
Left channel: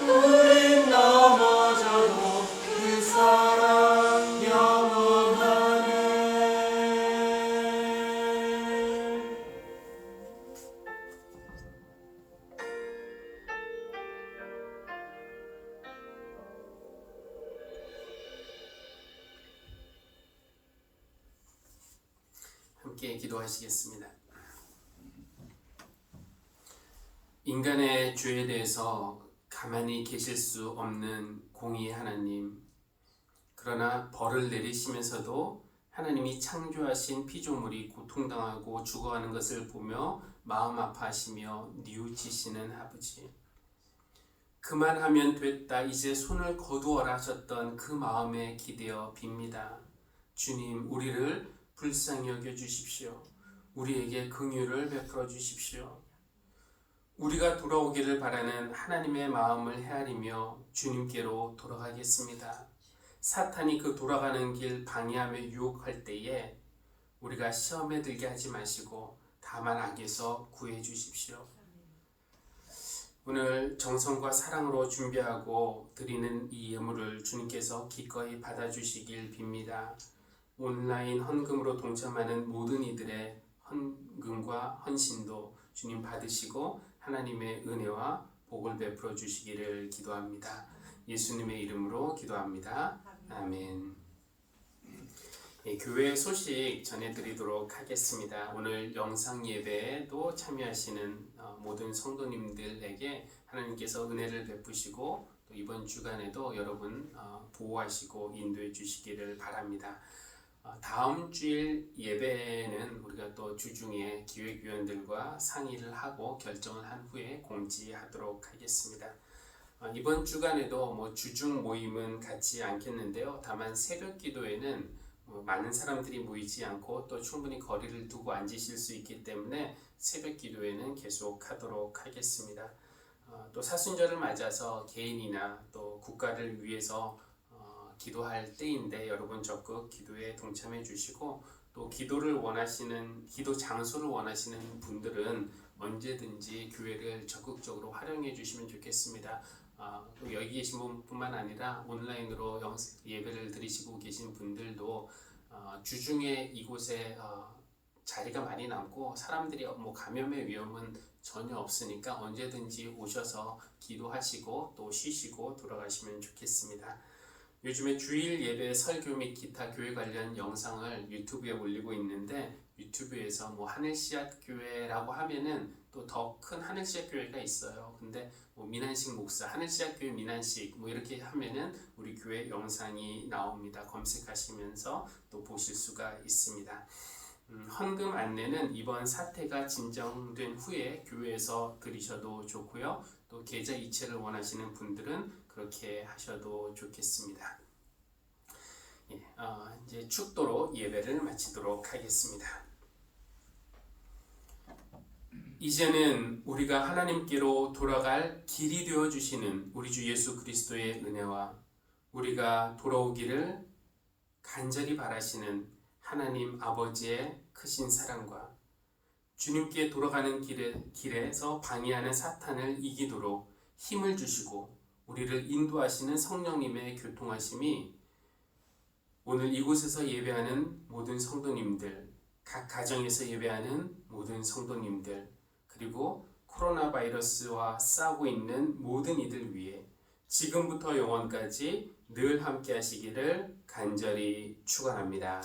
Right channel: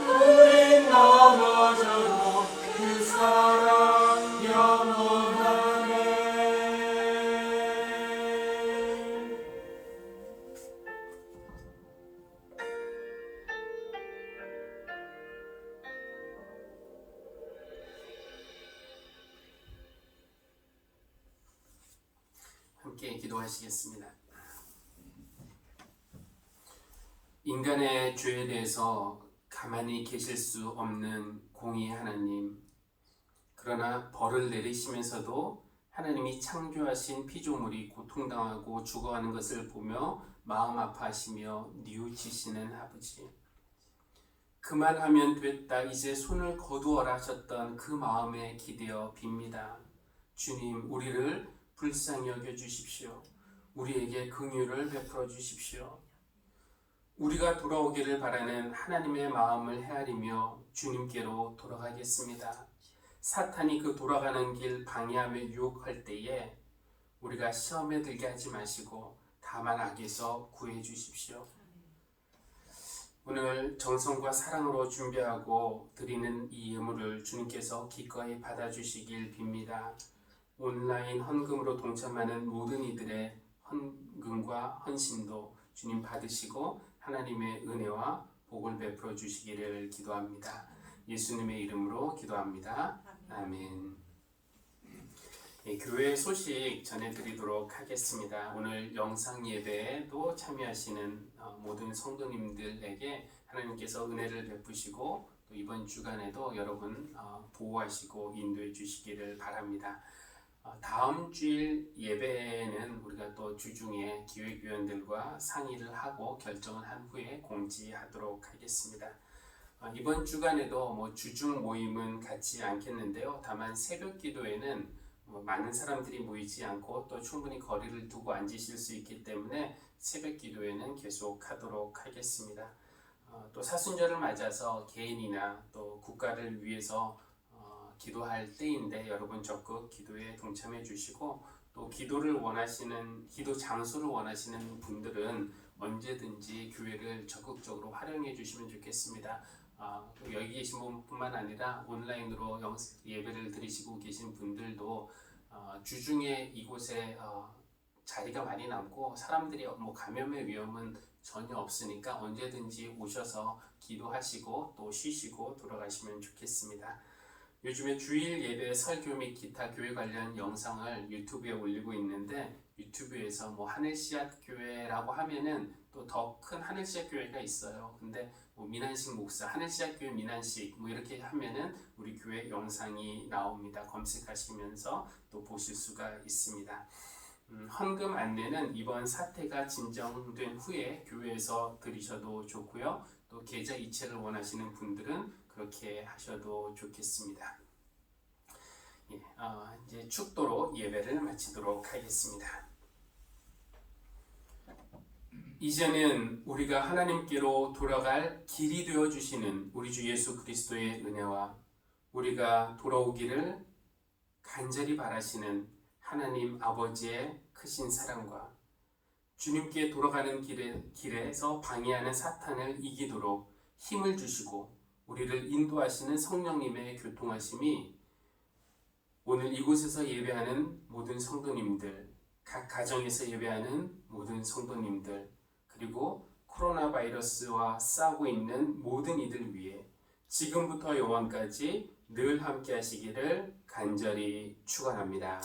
우린 넘어져도 그 사랑 영원하네. 함께 기도하시겠습니다. 인간의 죄에 대해서 가만히 계실 수 없는 공의의 하나님, 그러나 벌을 내리시면서도 하나님이 창조하신 피조물이 고통당하고 죽어가는 것을 보며 마음 아파하시며 뉘우치시는 아버지, 그만하면 됐다, 이제 손을 거두어라 하셨던 그 마음에 기대어 빕니다. 주님, 우리를 불쌍히 여겨 주십시오. 우리에게 긍휼을 베풀어 주십시오. 우리가 돌아오기를 바라는 하나님의 마음을 헤아리며 주님께로 돌아가겠습니다. 사탄이 그 돌아가는 길 방해하며 유혹할 때에 우리가 시험에 들게 하지 마시고 다만 악에서 구해 주십시오. 오늘 정성과 사랑으로 준비하고 드리는 이 예물을 주님께서 기꺼이 받아주시길 빕니다. 온라인 헌금으로 동참하는 모든 이들의 헌금과 헌신도 주님 받으시고 하나님의 은혜와 복을 베풀어 주시기를 기도합니다. 예수님의 이름으로 기도합니다. 아멘. 교회 소식 전해드리도록 하겠습니다. 오늘 영상 예배에도 참여하시는 모든 성도님들에게 하나님께서 은혜를 베푸시고 또 이번 주간에도 여러분 보호하시고 인도해 주시기를 바랍니다. 다음 주일 예배는 우리가 또 주중에 기획위원들과 상의를 하고 결정을 한 후에 공지하도록 하겠습니다. 이번 주간에도 주중 모임은 갖지 않겠는데요. 다만 새벽 기도에는 많은 사람들이 모이지 않고 또 충분히 거리를 두고 앉으실 수 있기 때문에 새벽 기도에는 계속 하도록 하겠습니다. 또 사순절을 맞아서 개인이나 또 국가를 위해서 기도할 때인데 여러분 적극 기도에 동참해 주시고 또 기도를 원하시는 기도 장소를 원하시는 분들은 언제든지 교회를 적극적으로 활용해 주시면 좋겠습니다. 또 여기 계신 분뿐만 아니라 온라인으로 예배를 드리시고 계신 분들도 주중에 이곳에 자리가 많이 남고 사람들이 감염의 위험은 전혀 없으니까 언제든지 오셔서 기도하시고 또 쉬시고 돌아가시면 좋겠습니다. 요즘에 주일 예배 설교 및 기타 교회 관련 영상을 유튜브에 올리고 있는데 유튜브에서 하늘씨앗 교회라고 하면은 또 더 큰 하늘씨앗 교회가 있어요. 근데 민한식 목사, 하늘씨앗 교회 민한식 이렇게 하면은 우리 교회 영상이 나옵니다. 검색하시면서 또 보실 수가 있습니다. 헌금 안내는 이번 사태가 진정된 후에 교회에서 드리셔도 좋고요. 또 계좌 이체를 원하시는 분들은 그렇게 하셔도 좋겠습니다. 이제 축도로 예배를 마치도록 하겠습니다. 이제는 우리가 하나님께로 돌아갈 길이 되어 주시는 우리 주 예수 그리스도의 은혜와 우리가 돌아오기를 간절히 바라시는 하나님 아버지의 크신 사랑과 주님께 돌아가는 길에서 방해하는 사탄을 이기도록 힘을 주시고 우리를 인도하시는 성령님의 교통하심이 오늘 이곳에서 예배하는 모든 성도님들, 각 가정에서 예배하는 모든 성도님들, 그리고 코로나 바이러스와 싸우고 있는 모든 이들 위해 지금부터 영원까지 늘 함께 하시기를 간절히 축원합니다.